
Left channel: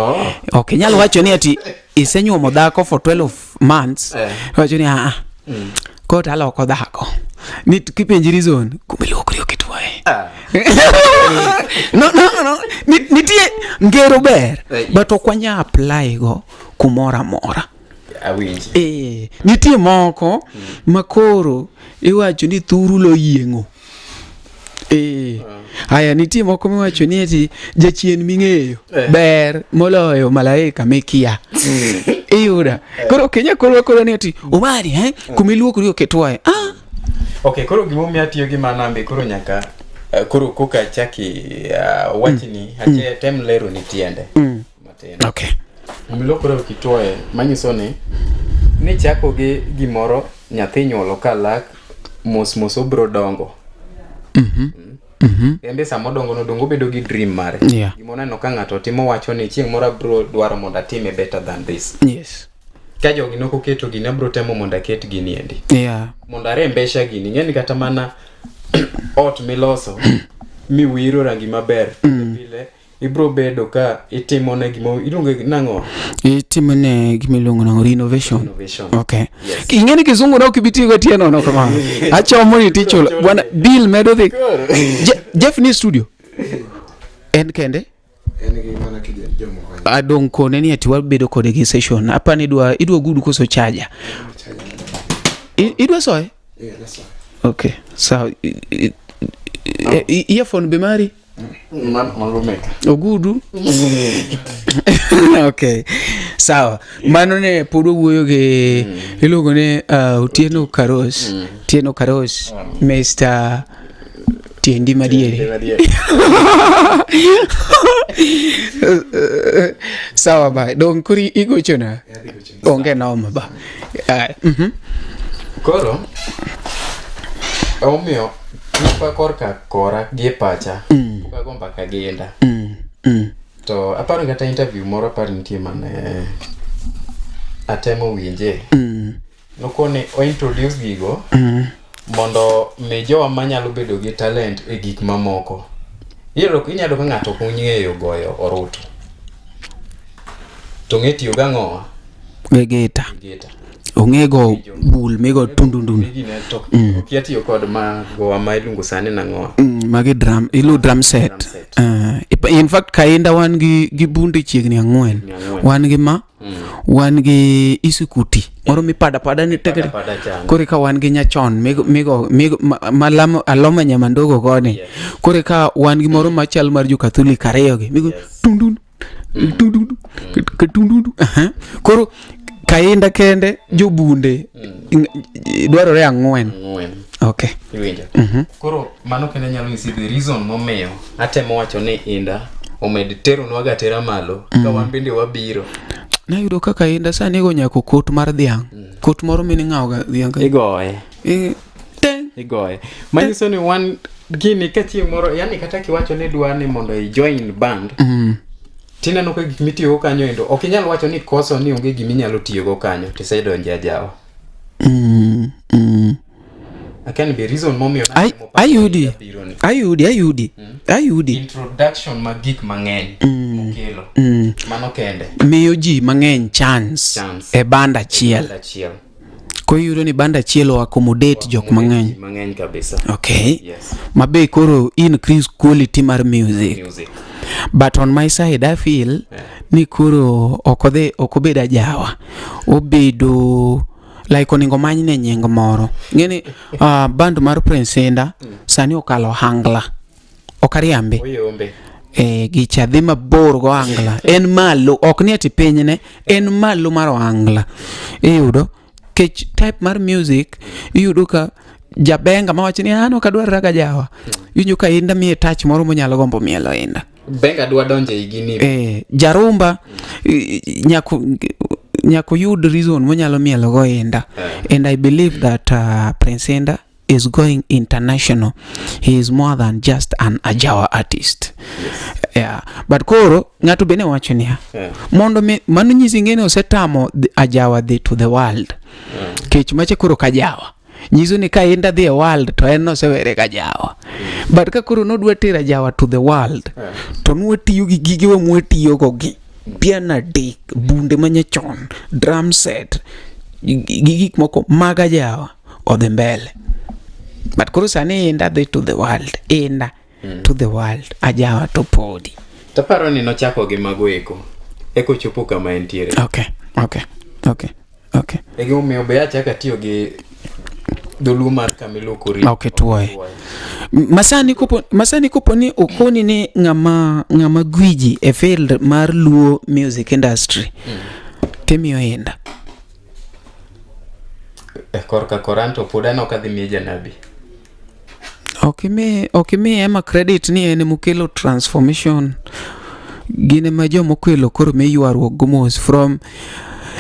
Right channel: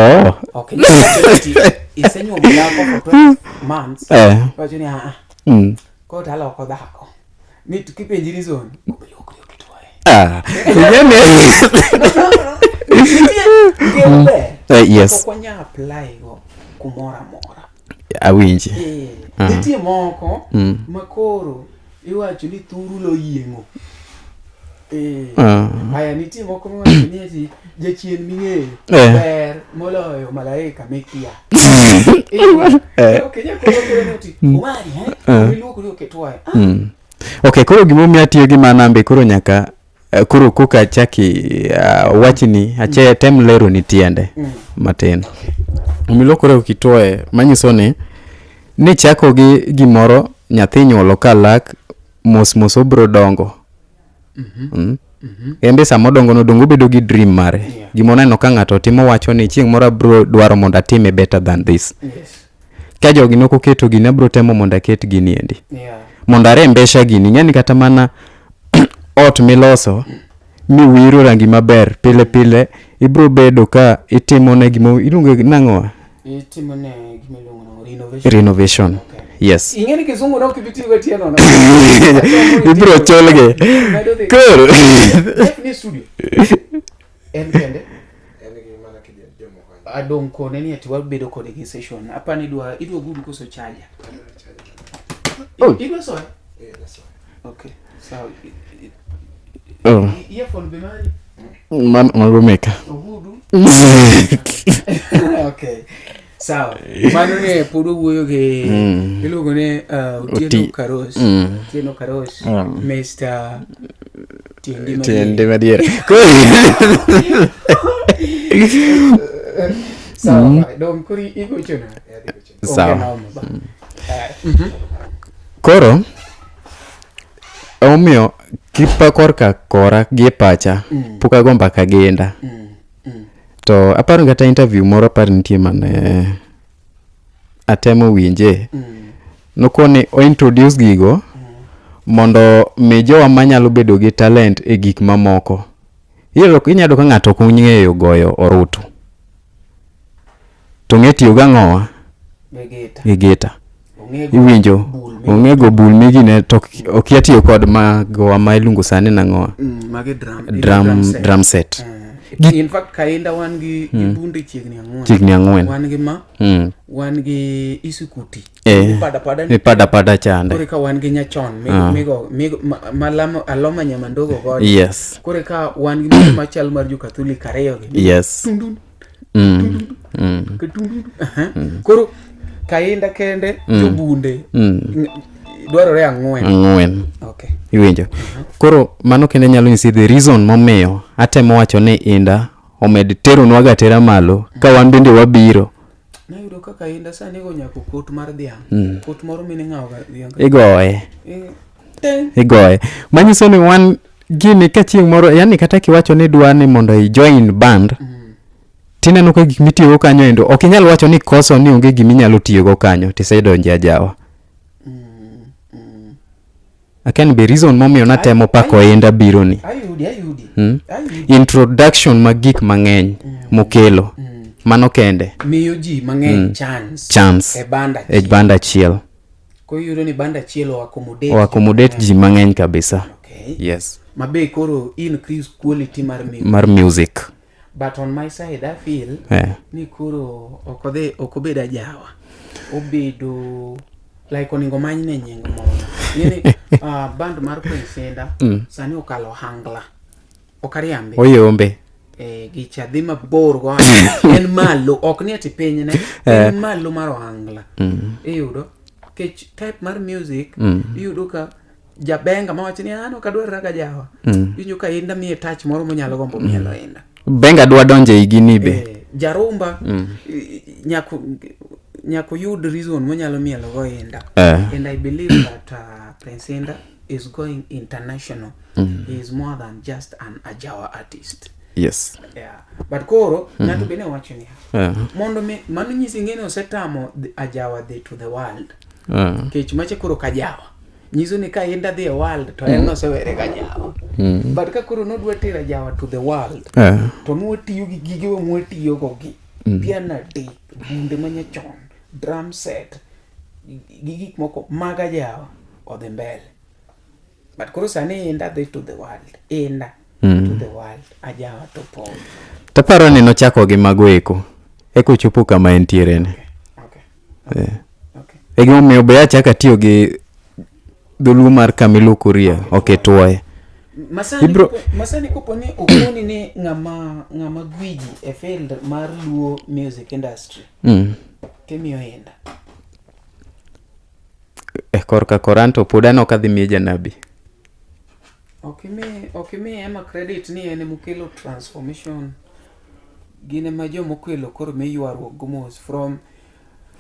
okinyal wacho ni isenyuomo dhako for 12 months wacho ni kota aloko dhako ni kipenji reason gumiluoko rie okituoe no nitie ngero ber to kwanya apply go kumora mora awinji nitie moko makoro iwacho ni thuru lo yiengo aya nitie moko miwacho ni ati jachien ming'eyo ber moloyo malaika mekia koro kenya koro ni ati umari kumiluoko rio ketwae Okay, koro gimomiyo atiyo gi manambe koro nyaka koro koka chaki wachni ache tem lero ni tiende matin. Okay. Umilo koro kitoe manyiso ni chako gi gimoro nyathi nyuolo kalak mos obro dongo. Embe samo dongo bedo gi dream mare. Gimoneno ka ng'ato timo wacho ni chieng' moro bro dwaro mondo atime better than this. Yes. Ka jogi noko keto gini abro temo mondo aket gini endi. Yeah. Mondo arembesha gini ng'eni kata mana ot miloso mi wiro rangi maber pile ibro bedo ka itimo ne gimo iluongo nang'o itimo ne gimiluongo nang'o renovation. Okay. Yes. Ing'eni kizungu no kibiti go tieno no. Achomo ni Ibro cholge. Bill medo the. Cool. Jeff ni studio. En kende? Adong kone ni ati wabedo kode gi session. Hapa ni idwa gudu koso charger. Idwa soe? Yeah, that's all. Okay. So earphone be mari? Man magomeka. Ogudu. Okay. Sawa. Mano ne podo wuoyo ge iluongo ne Tieno Karos. Mr. Tiende Maria. Sawa ba. Don kuri igo chona. Okay, naoma ba. Koro omio kipa korka kora gi pacha puka gomba kagenda. To aparo gata interview moro par nitie mane atemo winje. Nokone o introduce gigo mondo mejowa manyalo bedo gi talent e gik mamoko. Inyalo ka ng'ato kung'eyo goyo orutu. To ng'etiyo gang'owa geta. Ongego bul migine to okiatiyo kod mago ma ilungo sane nang'owa. Mage drum set. In fact kaenda wan gi bunde chiegni ang'wen. Wan gi isukuti. Pada chana. Kore ka wan gi nyachon migo malamo aloma nyamandogo godi. Yes. Kore ka wan gi moro machal mar jo Catholic ariyo gi. Yes. Koro kaenda kende jobunde dwarore ang'wen. Okay. Iwinjo. Koro mano kende nyalo nyisi the reason momiyo atemo wacho ni inda omed tero nwaga tera malo ka wan bende wabiro. Na yudo kaka inda sani go nyako kot mar dhiang'. Kot moro mini ng'aoga dhiang'. Igoye. Manyiso ni wan gini ka chieng' moro yani kata kiwacho ni dwani mondo i join band. Tineno ka gik mitiyogo kanyo endo ok inyal wacho ni koso ni onge gimi nyalo tiyogo kanyo tisedonje ajawa. Akan be reason momiyo natemo pako enda biro ni. Ayudi. Introduction magik mang'eny mokelo. Mano kende. Miyo ji mang'eny chance. E banda chiel. Ko yuro ni banda chielo accommodate ji mang'eny kabisa. Okay. Yes. Mabe koro increase quality mar music. But on my side I feel ni kuro okobeda jawa. Obedo like oningo manyne nying moro. Ngeni band mar Prince Inda sani okalo hangla. Okariambe. Oyombe. Gicha dhi mabor go en malo ok ni ati pinyne en malo mar hangla. Iyudo kech type mar music iyudo ka jabenga mawacho ni an ok adwar raga jawa. Winjo ka Inda mi touch moro monyalo gombo mielo Inda. Benga dwa donje igini be. Jarumba nyako yud reason monyalo mielo go Inda. And I believe that Prince Inda is going international. He is more than just an Ajawa artist. Yes. Yeah. But koro ng'ato bene wacho niya. Mondo mano nyisi ngene osetamo Ajawa dhi to the world. Kech mache koro kajawa. Nyiso ni ka Inda dhi e world to en no sewere kajawa. But ka koro nodwa tera Ajawa to the world. To nwatiyo gi gige wa mwatiyo go gi. Piano dick, bunde manyachon, drum set, gigik moko mag Ajawa odhi mbele. But koro sani Inda dhi to the world. To the world. Ajawa to podi. Taparo ni nochako gi mago eko chopo kama entiere. Okay. Ego me obeya chaka tiyo gi dhulu mar Kamilu Kurio. Okay, tuwae. Masani kopo ni okoni ni ngama gwiji e field mar Luo music industry. Temiyo Inda. korka koranto podano kadhi mi janabi. okimi ema credit ni ene mukelo transformation gine ma jomo kelo koro me yuarwo gomos from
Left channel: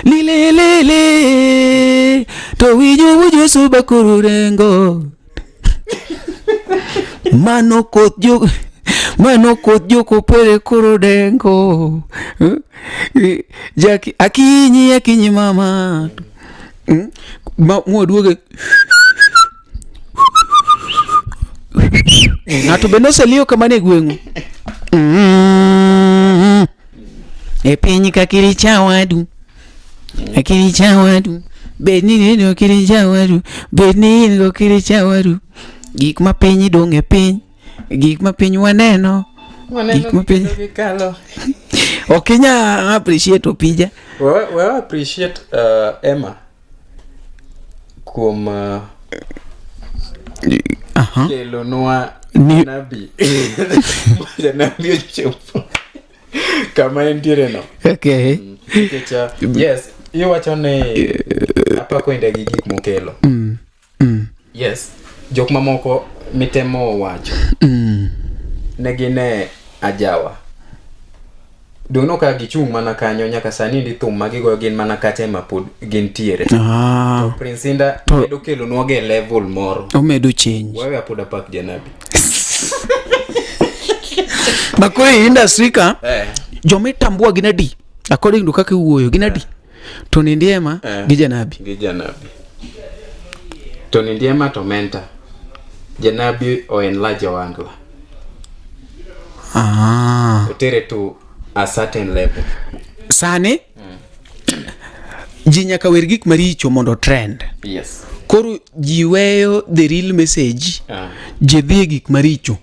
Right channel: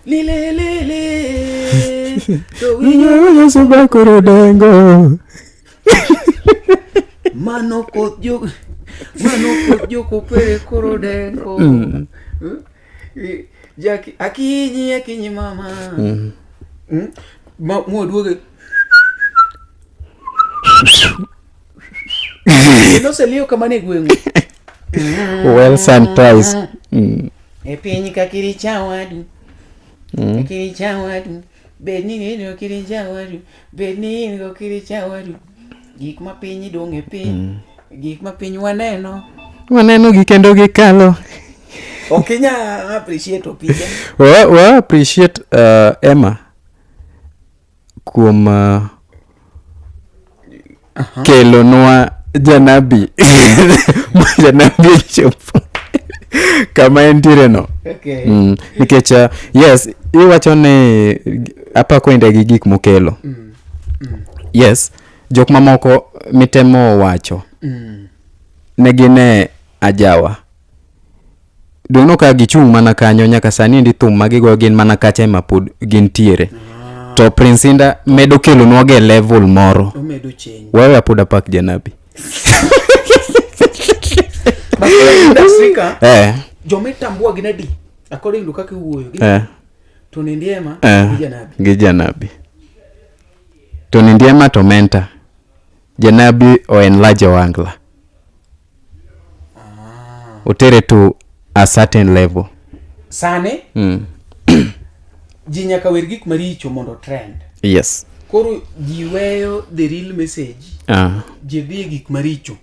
lile to wijo suba koro dengo mano kodjo ko pere koro dengo jaki akinyi mama muoduoge no se lío kamane gwengu well sanitize e pinyi kakiri chawadu akiri chawadu bedni no kiri chawadu bedni no kiri chawadu gik ma pinyi donge piny gik ma piny waneno gi kendo gikalo. Okinya appreciate opija wa appreciate Emma kuom kelo noa janabi janabi chopo kama entiere no. Okay. Nikech yes iwacho ni apa kwende gi gik mokelo. Yes jok mamoko mitemo wacho negine ajawa dono ka gichung mana kanyo nyaka sani ndi thum magigo gin mana kache mapod gin tiere. To Prince Inda medo kelo nwage level moro o medo change wewe apoda pak janabi bako industry ka jomitambua ginadi according to kaka wuoyo ginadi Tonny Ndiema gi janabi Tonny Ndiema to mentor janabi o enlarge wangla otere to a certain level sane ji nyaka wer gik maricho mondo trend. Yes. Koro jiweyo the real message je dhi gik maricho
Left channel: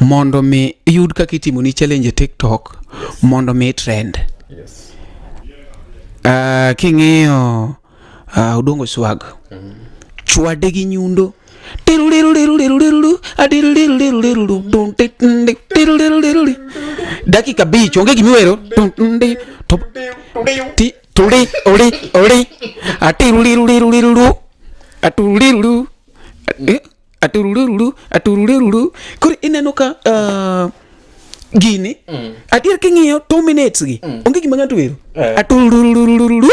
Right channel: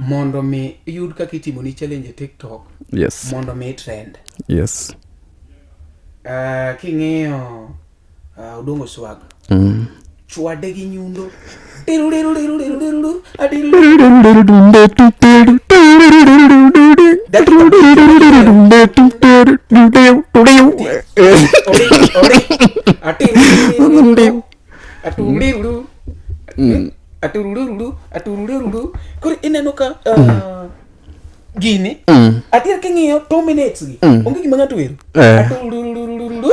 mondo me yud kaka itimo ni challenge TikTok. Yes. Mondo me trend. Yes. King'eyo Udongo Swag chwade gi nyundo dakika bicho ngi giwero atururu kuri ineno ka gini adier king'iyo 2 minutes gi onge gima ng'ato wero atururu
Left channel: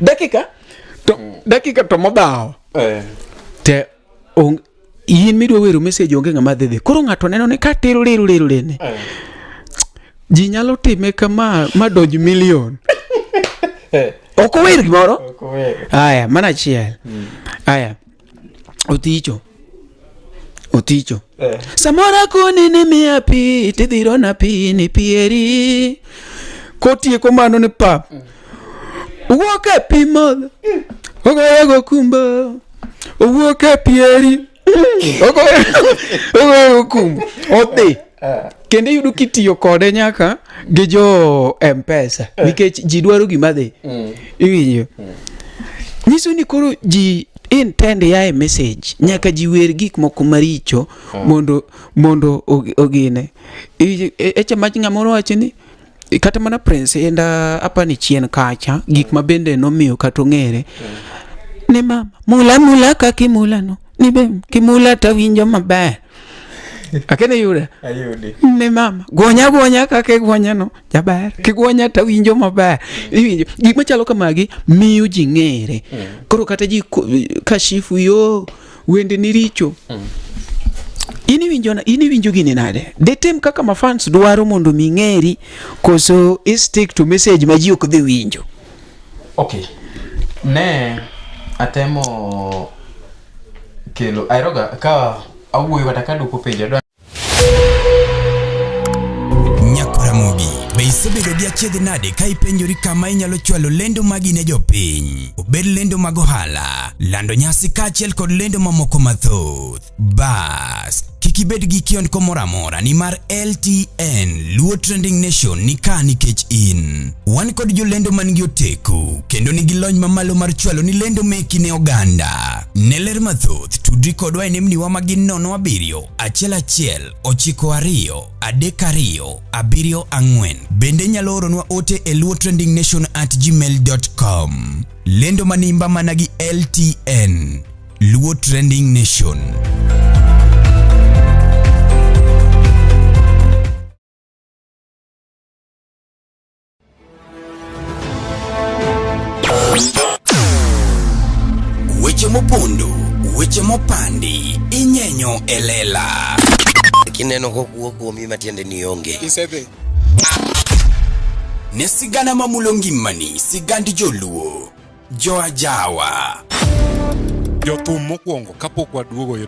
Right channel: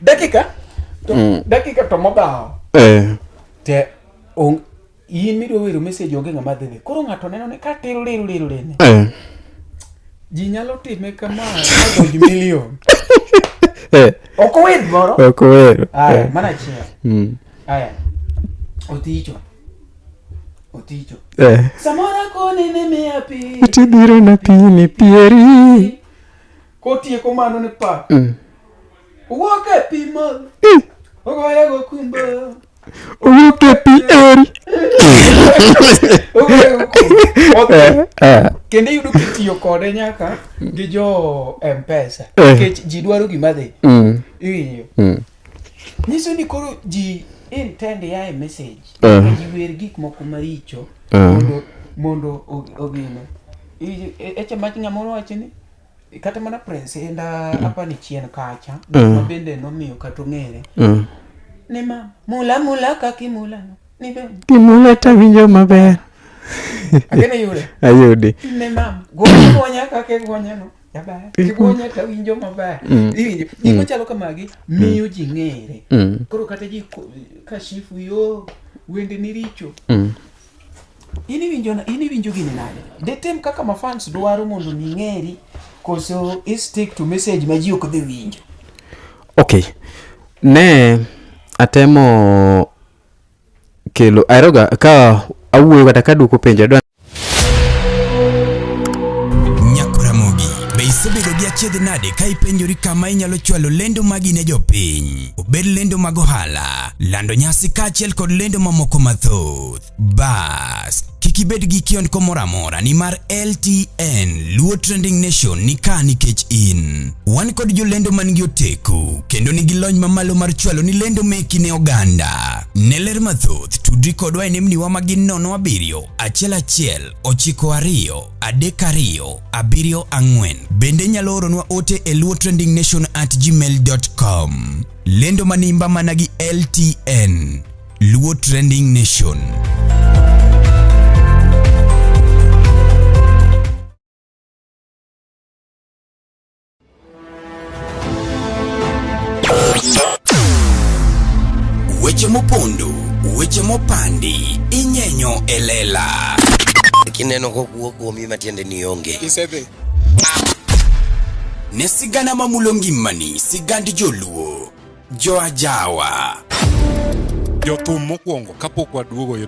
dakika to mobao te yin midwa wero message onge ng'ama dhedhe koro ng'ato neno ni ka tero lene ji nyalo time kama madonj milion oko wer gimoro aya mana chiel aya oticho samora koni ni miya pi tidhiro na pi ne pieri kotieko mano ni pa uwoke pi modho ogoyago kumba uwoke pieri ogoyago kumba kendo yudo kitiyo kode nyaka gi jo M-Pesa nikech ji dwaro gima dhi iwinjo nyiso ni koro ji intend ya message nyaka ji wer gik moko maricho mondo ogine eche mach ng'amoro wacho ni kata mana Prince Inda apa ni chien kacha gik mabende nomiyo kata ng'ere ni mama mula kakimula no ni be kimula ta winjo maber akene yude ayudi ni mama gonya kake gonya no jaber kigonya ta winjo maber iwinjo gik machalo kamagi miyo ji ng'ere koro kata ji kashifu yo wende ni richo ini winjo gini nade detem kaka ma fans dwaro mondo mi ng'eri koso stick to message ma ji ok dhi winjo. Okay ne atemo kelo aeroga ka awuoyo kata ka duoko penjo Nyakuramogi be isebedo gi achiedh nade ka ipenjori kama inyalo chwalo lendo magi ne jopiny obed lendo mag ohala lando nyasi kaachiel kod lendo mamoko mathoth bas kik ibed gi kiondko moro amora nimar LTN Luo Trending Nation ni ka nikech in wan kod jolendo man gi oteku kendo nigi lony mamalo mar chwalo ni lendo meki ne oganda Neler mathoth tudri kodwa e nembni wa magin 07 11 92 32 74. Bende nyalo oronwa ote e luotrendingnation@gmail.com. Lendo manimba managi LTN, Luo Trending Nation. Weche mopondo, weche mopandi, inyenyo elela. Kineno kokuo kuomi matiende ni onge. Isebe. Ne sigana mamulo ngimani, sigand joluo, joajawa. Jothum mokwongo kapok waduogo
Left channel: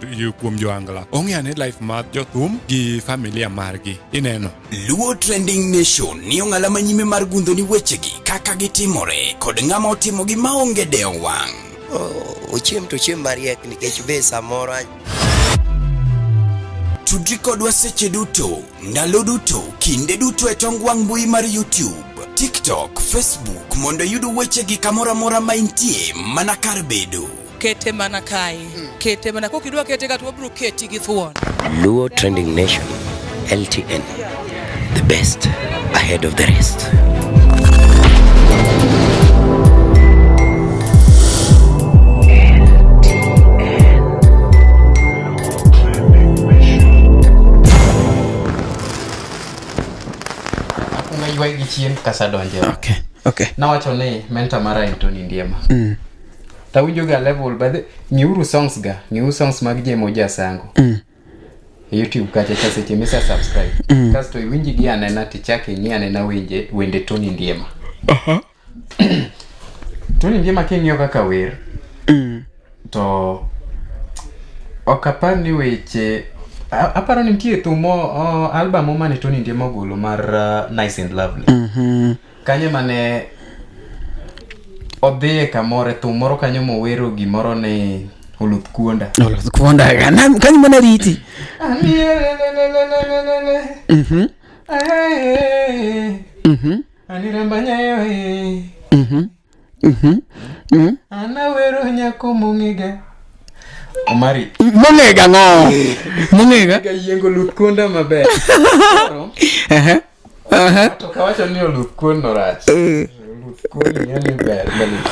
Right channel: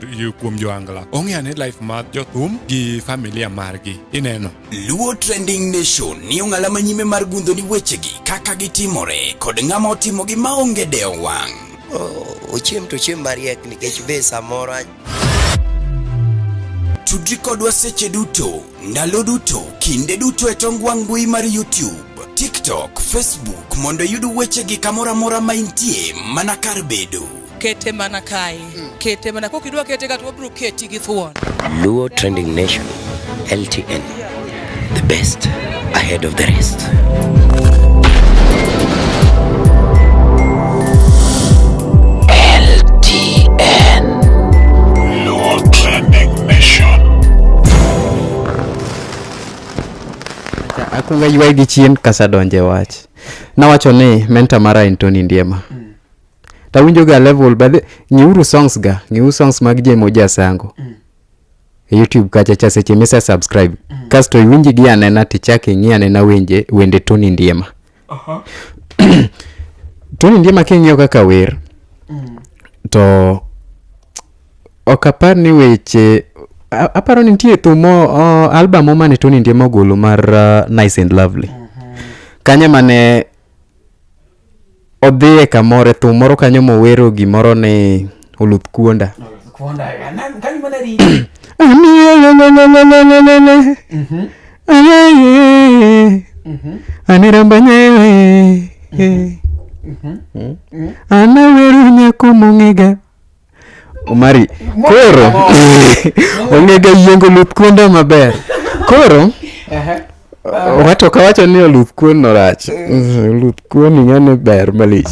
kuom joangla. Ong'e life mar jothum gi familia margi. Ineno. Luo Trending Nation ni ong'ala manyime mar gundho ni wechegi kaka gitimore kod ng'ama otimogi maonge deo wang'. Ochiem to chiem mariek nikech be samoro Tudri kodwa seche duto, ndalo duto, kinde duto e tong wang' mbui mar YouTube, TikTok, Facebook mondo yud wechegi kamora mora ma intie mana kar bedo. Kete mana kae. Kete mana kokidwa kete ka to bro keti gi thuon. Luo Trending Nation, LTN, the best ahead of the rest. Akunga yuai gi chien kasa donje wach. Okay. Nawacho ni mentor mara en Tonny Ndiema. Tawinjo ga level but ngiuru songs mag Jemo ja Sango. YouTube kacha cha seche mesa subscribe. Kasto iwinji gi anena tichake ngi anena wende Tonny Ndiema. Tonny Ndiema king'iyo kaka wer. To okapar ni weche aparo ni nitie thumo album mane Tonny Ndiema golo mar Nice and Lovely. Kanye mane odhie kamore thumoro kanyo mowero gimoro ne oluth kuonda. Oluth kuonda kanyo mana riti. Anirambanye. Ana weru nyako mongega. Omari. Mongega no. Mongega yengo oluth kuonda maber. Koro Wato kawacho ni oluth kuon no rach. Oluth kuon ng'ano ber malit.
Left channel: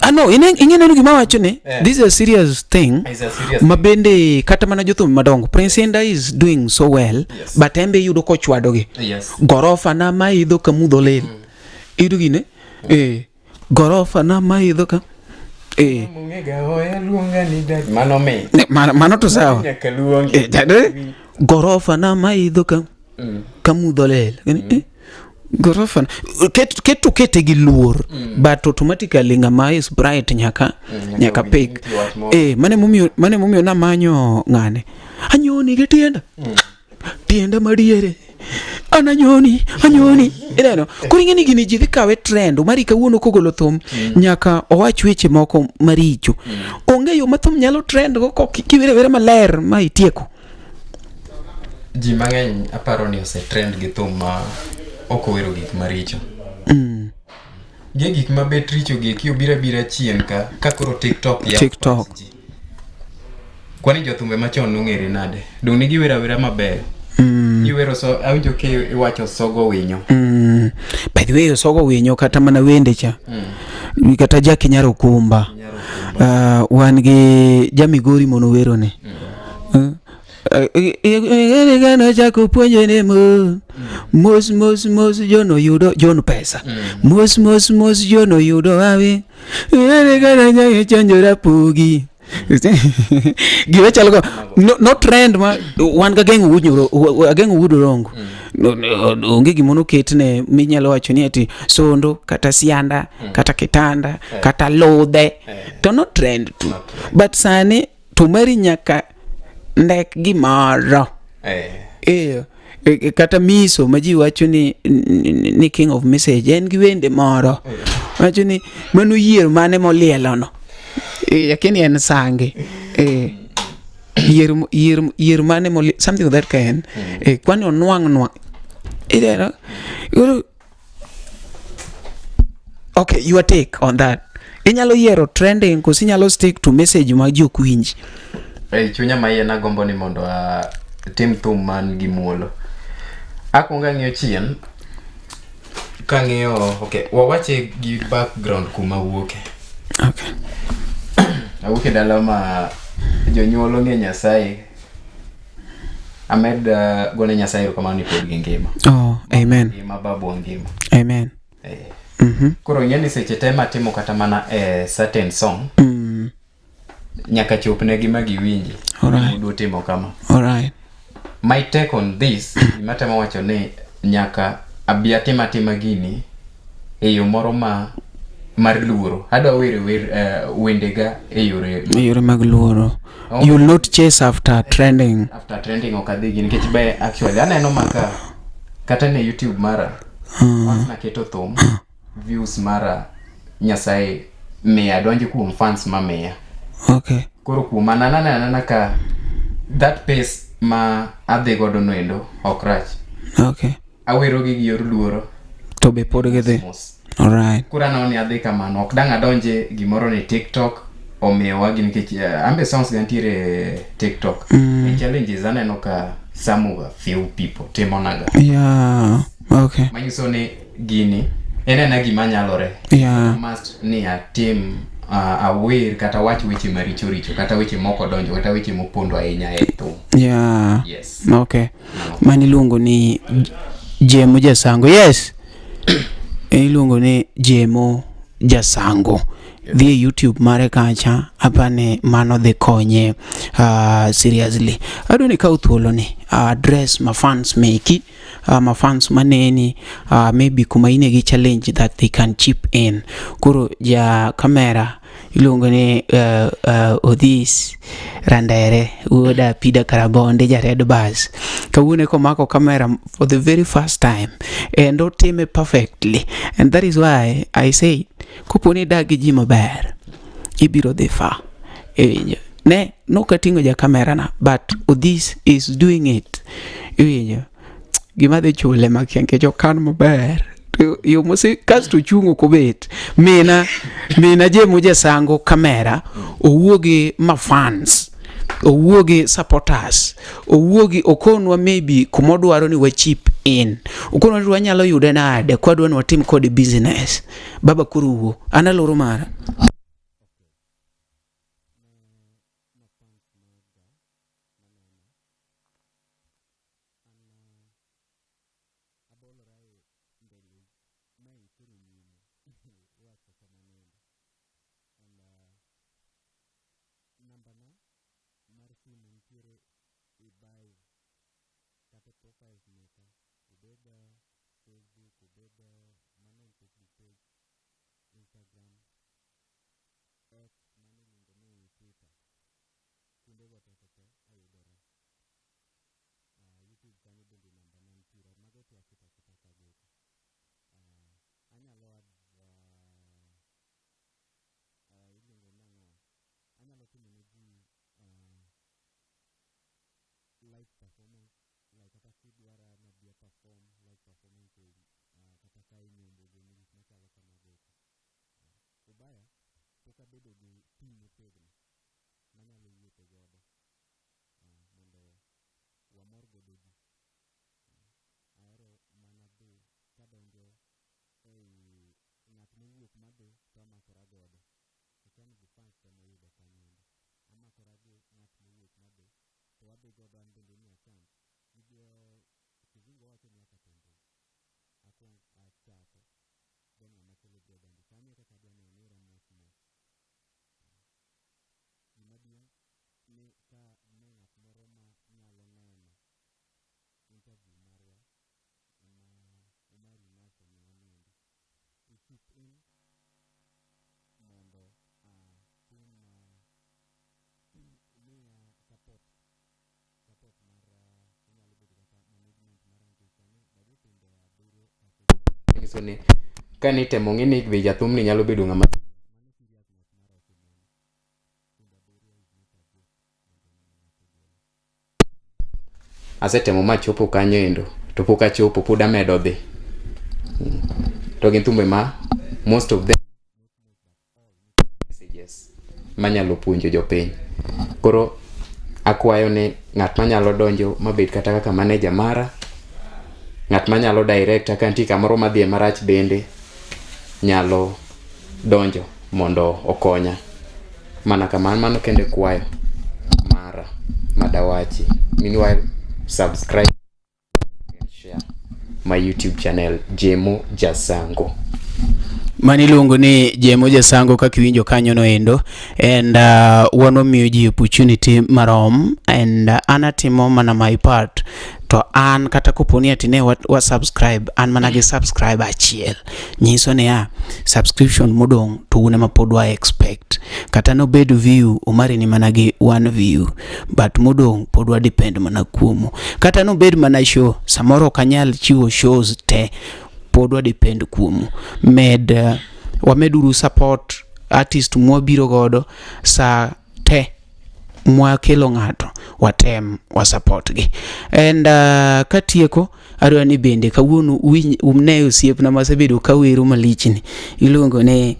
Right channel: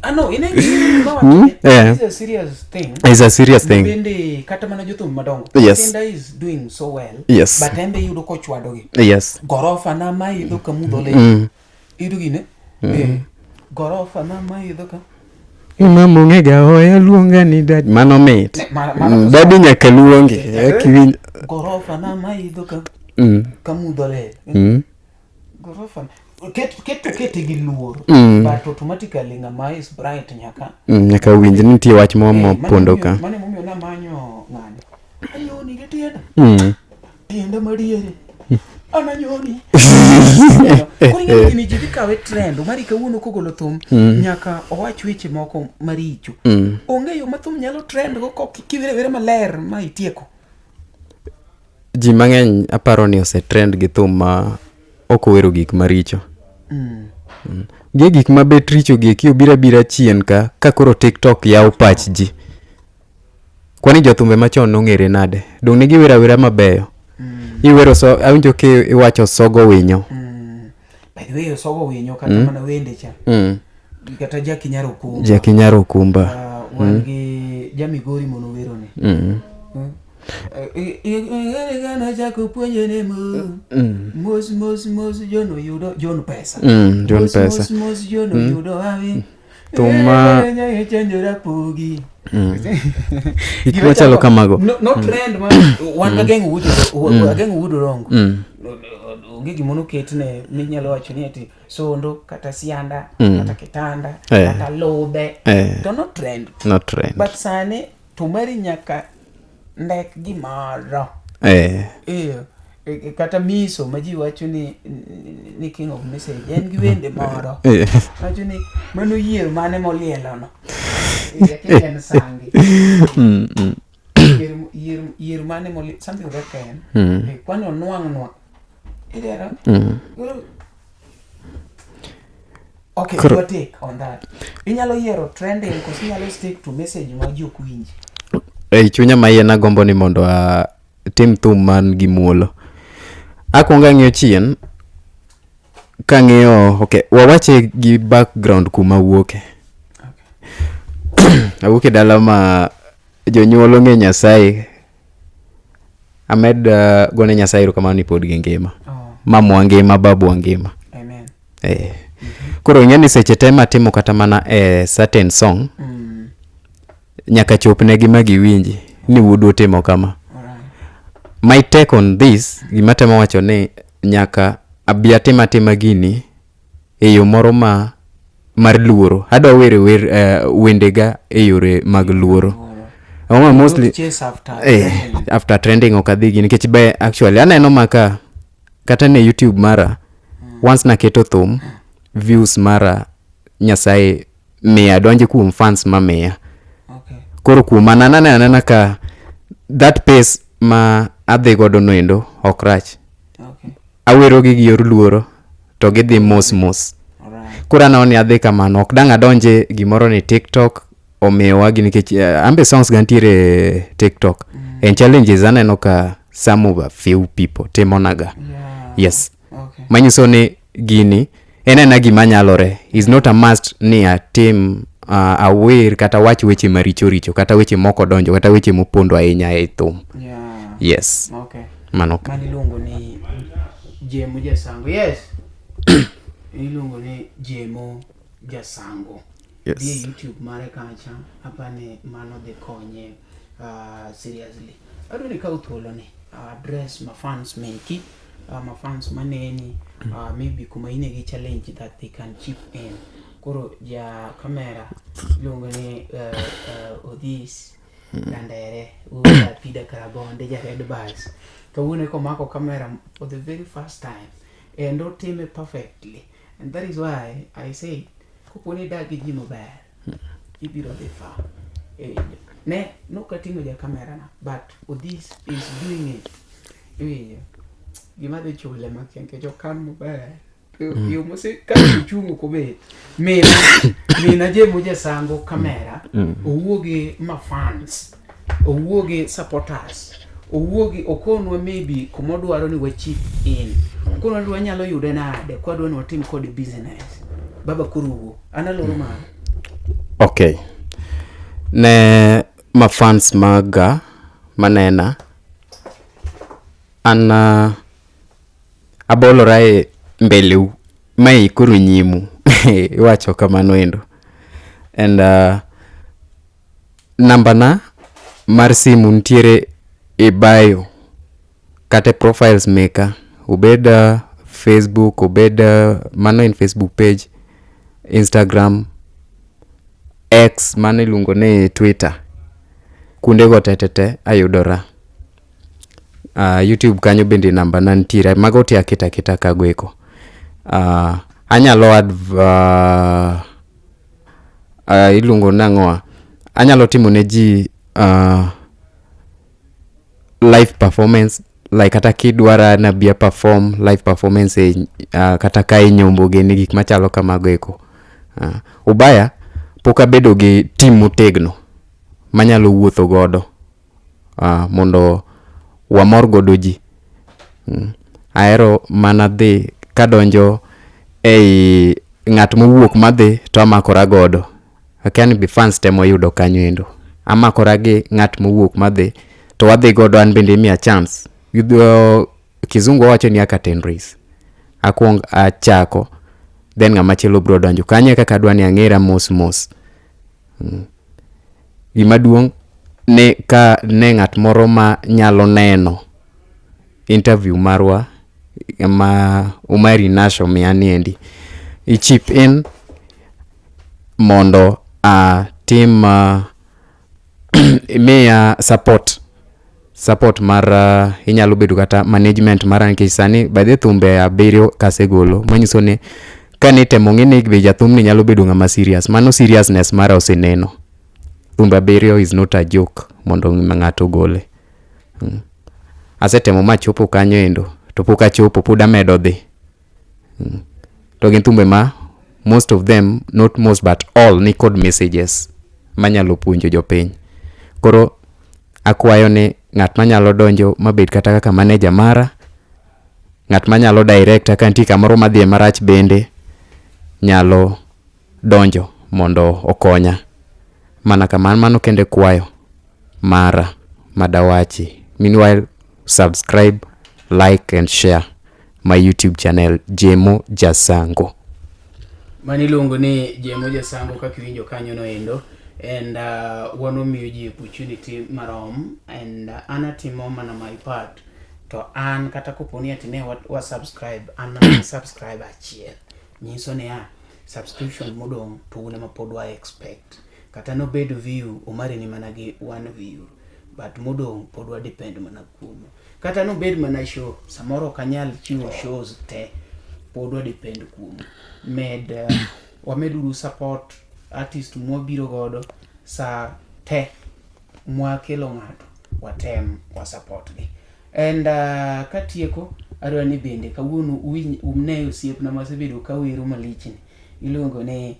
Ano ingeno gima wacho ni this is a serious thing. It's a serious thing. Mabende kata mana jothum madongo. Presinda is doing so well. Yes. But embe yudo kochwado gi. Yes. Gorofa na maidho kamudhole. Idugine. Gorofa na maidho ka. Mama ngega hoya luonga ni dad. Mano me. Mano to sa. Dad nyaka luonge. Gorofa na maidho ka. Kamudhole. Gorofa. Kete gi luor. But automatically ngama is bright nyaka winji nitie wach momo pondo ka. Mane mumio na manyo ngane. Anyoni gi tienda. Tienda madiere. Ananyoni. Kuri gini jivi kawe trend. Umari kawuono kogolo thum. Nyaka owach weche moko maricho. Onge yo mathum nyalo trend go kivire vere maler ma itieko. Ji mang'eny aparo ni ose trend gi thum ma okowero gik maricho. Gik ma bet richo gi obira chien ka koro TikTok yaw pach ji. Kwani jothumbe machon nong'ere nade. Dong nigi wera mabeyo. Iwero awinjo ke iwacho sogo winyo. By the way, sogo winyo kata mana wende cha. Kata Jaki Nyaro Kumba. Wan gi Jamigori mono wero ne. Gano chako puonje ne mos jono yudo jono pesa. Mos jono yudo awe. Chanjora pogi. No trend man. Wan ga gengo wudo rongo. Onge gimono ketne minyalo wacho ni ati sondo kata sianda kata kitanda kata lodhe. To no trend. But sani tumari nyaka ndek gimaro. Kata miso maji wacho ni king of message en gi wende moro. Wacho ni mano yier mane molielo no. Yakini en sange. Yier mane molielo something of that kind. Kwani onwang. Okay, your take on that. Inyalo yiero trending kosi inyalo stick to message ma ji ok winji. Chunya mayena gombo ni mondo tim thum man gi muolo. Akwonga ng'iyo chien ka ng'iyo okay wawache gi background kuma wuoke. Okay. Awuoke dala ma jonyuol ong'e Nyasaye. Amed gone Nyasaye rokamano ni pod gi ngima. Mamwa ngima, babu ngima. Amen. Koro ng'eni seche tema timo kata mana certain song. Nyaka chopne gima giwinji ni wudu timo kama. Alright. My take on this gima temo wacho ni nyaka abiatima tema gini yo moro mar luoro. Adwa wendega yore mag luoro. Mostly chase after trending. After trending okadhi gini nikech be actually aneno maka kata ne YouTube mara once na keto thum views mara Nyasaye mia donje kuom fans ma mia. Okay. Koro kuom anana ka that pace ma adhi godo noendo okrach. Okay. Awero gi yor luoro to gidhi mos. Alright. Koro anaoni adhi kamano ok dang adonje gimoro ni TikTok omewa gi nikech ambe songs gantiere TikTok. And challenges aneno ka some of a few people timonaga. Yeah. Yes. Okay. Manyiso ni gini enena gima nyalore. Is not a must ni a team aware kata wach weche maricho kata weche moko donjo kata weche mopondo ahinya e thum. Yeah. Yes. Okay. Mano. Mani luongo ni Jemo Sango. Yes. Iluongo ni Jemo Sango. The YouTube mare kacha apane mano de konye seriously. Adoni ka uthuolo ni address my fans meki my fans maneni maybe kuma ine gi challenge that they can chip in. Kuro ja camera ilungo ni Odis Randere uda pida karabonde ja red bars kawune ko mako camera for the very first time and do time perfectly, and that is why I say kuponi dagi ji maber ibiro dhi fa ne no katingo ja camera na but Odis is doing it gima de chule makianke jo kan maber yo mose kasto chungo kobet mina Jemo Sango camera owuoge ma fans owuoge supporters owuoge okonwa maybe kumodwaro ni wa chip in okonwa ni wanyalo yude nade kwadwa ni watim kod business baba kuruwo analoro mara. Okay, ne ma fans maga manena ana abolora mbeleu mai kuru nyimu wacho kamano endo. And namba na mar simu ntiere e bio kate profiles maker ubeda Facebook ubeda mano in Facebook page, Instagram, X mano ilungo ne Twitter, kunde go tetete ayudora. YouTube kanyo bende namba na ntiere mago tia kita kagweko. Anyalo ilungo nangoa anyalo timo ne ji live performance like kata kidwara na bia perform live performance kata kai nyombo geni gik machalo kamago eko. Ubaya poka bedo gi team motegno manyalo wuotho godo mondo wamor godo ji. Aero mana dhi kadonjo ei ng'at mowuok madhi to amakora godo. Akiani be fans temo yudo kanyo endo. Amakora gi ng'at mowuok madhi to wadhi godo an bende mia chance. Kizungu wacho ni aka 10 race. Akwong achako then ng'ama chelo bro donjo. Kanye kaka dwani ang'era mos. Gima duong' ne ka ne ng'at moro ma nyalo neno interview marwa ma umari nasho miani endi ichip in mondo team mea support mar inyalo bedo kata management mara nikech sani by the thumbe abiriyo kasegolo manyiso ni kane temo ng'ene be jathumni nyalo bedo ng'ama serious. Mano seriousness mara oseneno. Thumbe abiriyo is not a joke mondo ng'ato gole. Asetemo machopo kanyo endo to pok achopo pod amedo dhi. To gin thumbe most of them, not most but all, ni kod messages manyalo puonjo jopiny. Koro akwayo ni ng'at manyalo donjo mabed kata kaka manager mara, ng'at manyalo direct ka nitie kamoro madhi marach bende nyalo donjo mondo okonya. Mana kamano, mano kende kwayo mara madawachi. Meanwhile, subscribe, like and share my YouTube channel Jemo Jasango. Mani luongo ni Jemo Jasango kaka iwinjo kanyo no endo, and wano miyo ji opportunity marom, and anatimo mana my part to an kata koponi atine wa subscribe an mana gi subscribe achiel nyiso ne subscription modong to une mapod wa expect kata no bed view umari ni mana gi one view but modong pod wa depend mana kuomo kata no bed mana show samoro kanyal chiwo shows te pod wa depend kuomo wameduru support artist mwabiro godo sa te mwa kelo ng'ato watem wa support gi, and katieko adwa ni bende kawuono umne osiep na masebedo kawero malichni iluongo ne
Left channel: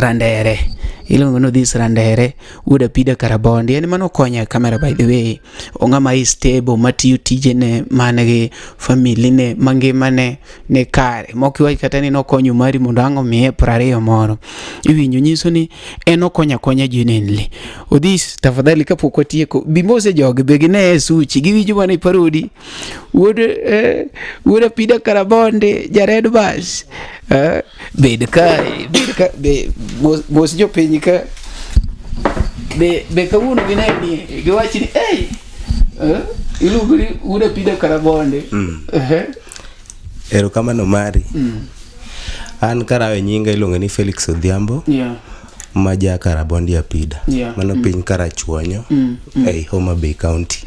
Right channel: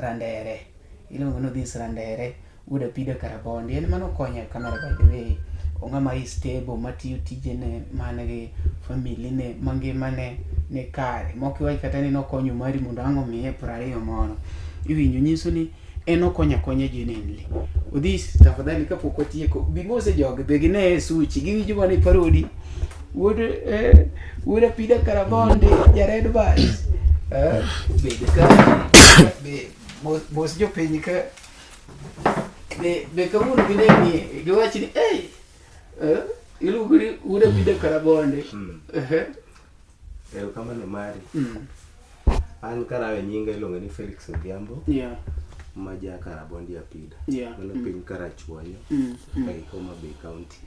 Randere, iluongo no this Randere would apida karabondi, and mano konya kamera by the way ongama is stable matiyo tije ne manege family ne mangima ne kare mokiwa kata ni no konyo mari mondo ango miye 20 moro iwinjo nyiso ni eno konya genuinely odis tafadhali kapok otieko bimose joge begine suchi giwinjo mane parodi would apida karabondi jared bas bed kare mos jo piny ka be kawuono ginemi giwachi ni ilugri uda pida karabonde erokamano mari an karawe nyinga iluongo ni Felix Odhiambo maja karabondi apida mano piny karachuonyo ei Homa Bay County.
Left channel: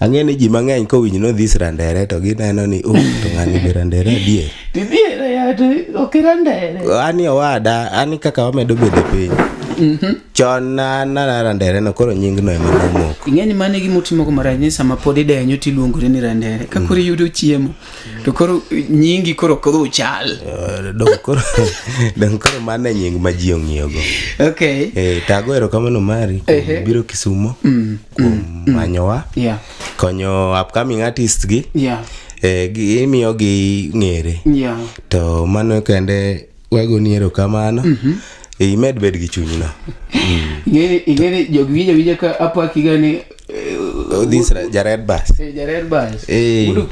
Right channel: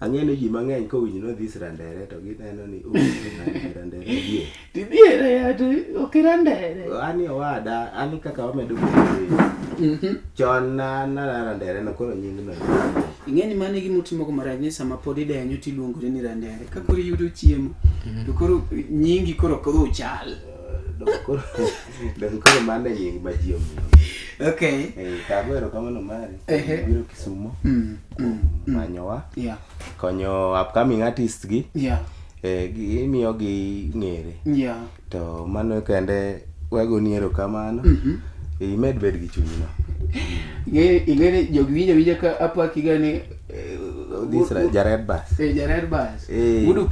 Ang'eni ji mang'eny kowinjo no this Randere to gineno ni to ng'ani be Randere die diere ya to okirandere ani owada ani kaka wamedo bedo piny chon na Randere no koro nying no ema nomoko. Ing'eni mane gimotimo ko maranye sama pod idenyo tiluongore ni Randere ka koro yudo chiemo to koro nyingi koro kodho chal dong koro mane nying ma ji ong'iyo go. Tago erokamano mari biro Kisumo manyowa konyo upcoming artist gi imiyo gi ng'ere to mano kende wagoni erokamano imed bed gi chunyno. Ing'ere jogi winja ka apaki gani this Jared Bass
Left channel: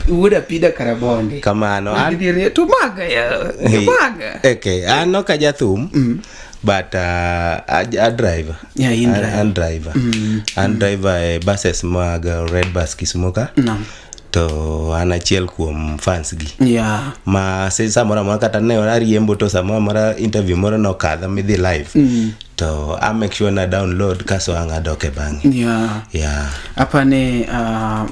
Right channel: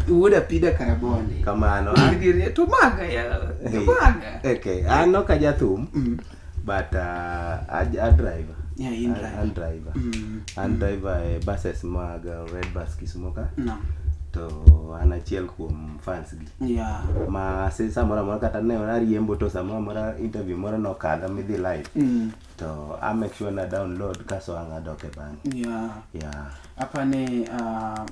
would apida karabonde kamano to maga ano ka jathum but a driver and driver buses mag Red Bus Kisumo ka to an achiel kuom fans gi ma se samora ma kata ne ariembo to samora interview moro no kadha midhi live to I make sure na download kaso angadoke bangi apane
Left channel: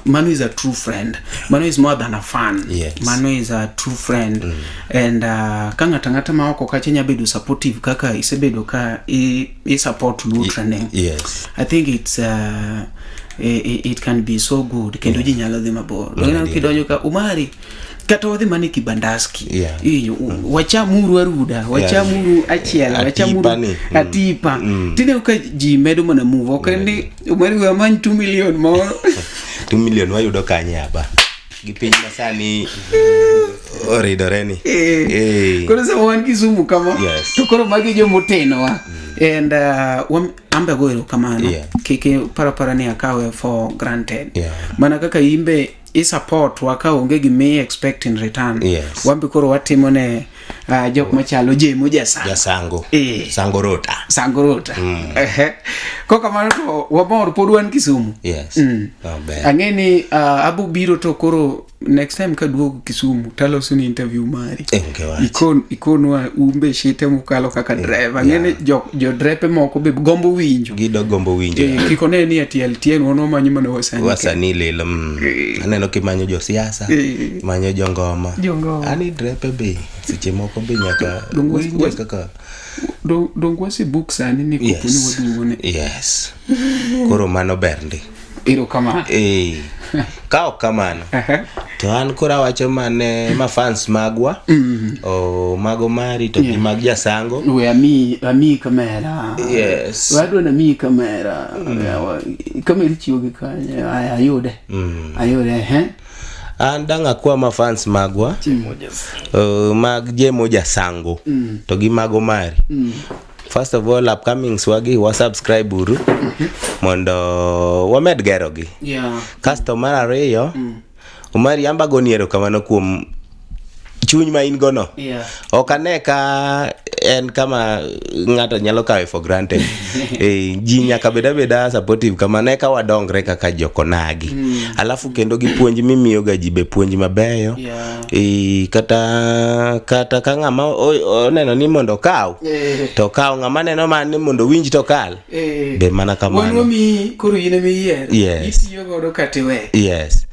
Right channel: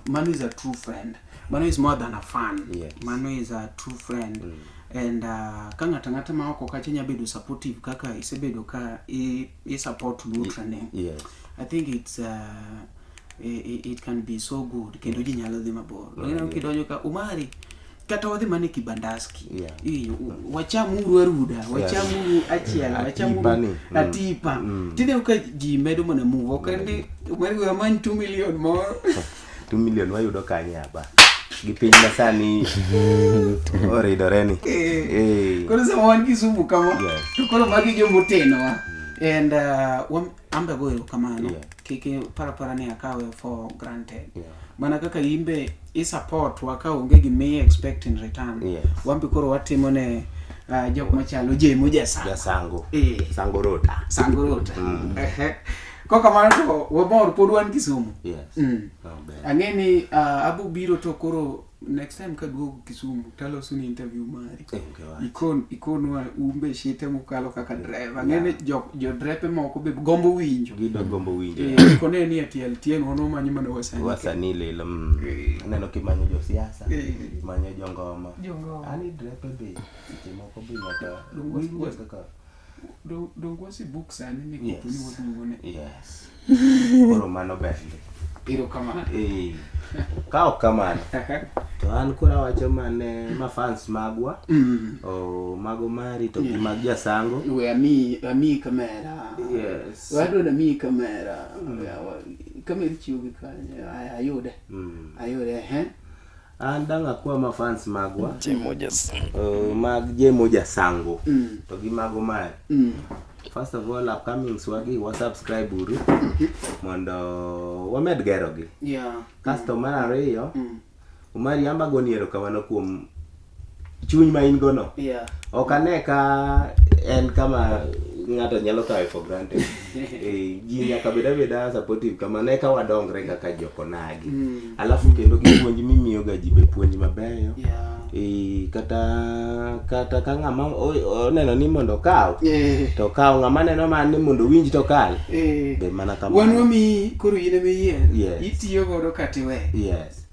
Manu is a true friend. Manu is more than a fan. Manu is a true friend and kanga tangata mawako kachenya bedu supportive kaka isebedo ka I support Luo trending. I think it's it can be so good kendo ji nyalo dhi mabor lona kidonyo ka umari kata wadhi mane kibandaski wachamuru aruda wachamuru achiel wachamuru atipa tine ka ji medo mana move okende umari wa man 2 million more 2 million wayudo kanye aba gipiny masani oridoreni koro sa wan Kisumu kama to koro magi jo moteno wa and ambe goiro kamano kike para ni akawe for granted mana kaka imbe I support waka onge gi me expect in return wambi koro watimo ne jok machalo Jemo Jasango Sango rota koka mano to wabor pod wan Kisumu ang'eni abu biro to koro next time ka duogo Kisumu taloso ni interview mari ikonwa umbe shite mukalo kaka driver ang'eni jo drepe moko be gombo winjo kikone ni TLTN wono manyo mana wasani lelo aneno kimanyo jo siasa manyo jongoma ani drepe be seche moko be nyaka winjo kaka dong wasi book sani ni kupuni waduone koro mano bernde kamano. Ka ok kamano to an kora wacho mane ma fans magwa o mago mari to gi mag jasango we ami kamera. Yes. Wado na mi kamera. Kamera chiwo gi kanye ayude. An danga kwa ma fans magwa mag Jemo jasango to gi mago mari. First of all, upcoming swagi wa subscribe uru mondo wamed gero gi. Customer ariyo umari amba goniero kamano kuom chuny ma in gono. Okane ka en kama ngato nyalo kawe for granted. Ji nyaka beda supportive kama ne ka wadongre kaka jokonagi. Alafu kendo gi puonj mimiyo ga ji be puonj mabeyo. Kata ka ngama oneno ni mondo kaw to kaw ngama neno man ni mondo winj to kal be mana kamano. Wano mi koro yine mi yer. Yes. Itiyo godo katiwe. Yes.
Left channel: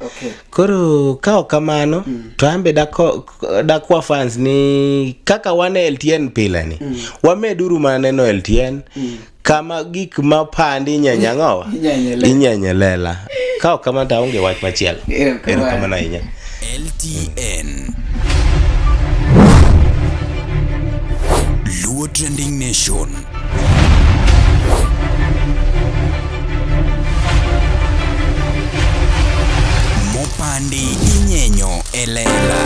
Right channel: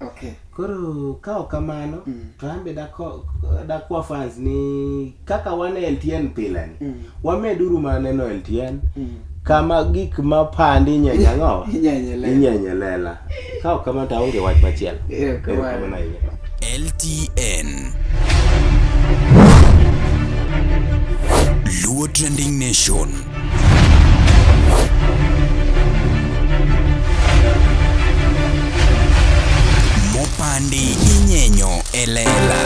Koro kaw kamano to ambe dakwa fans ni kaka wane LTN pile ni wameduru maneno LTN kama gik mapandi nyanyangowa inyanyelela kaw kama taonge wach machiel ero kama na inya LTN Luo Trending Nation. Mopandi inyenyo elela.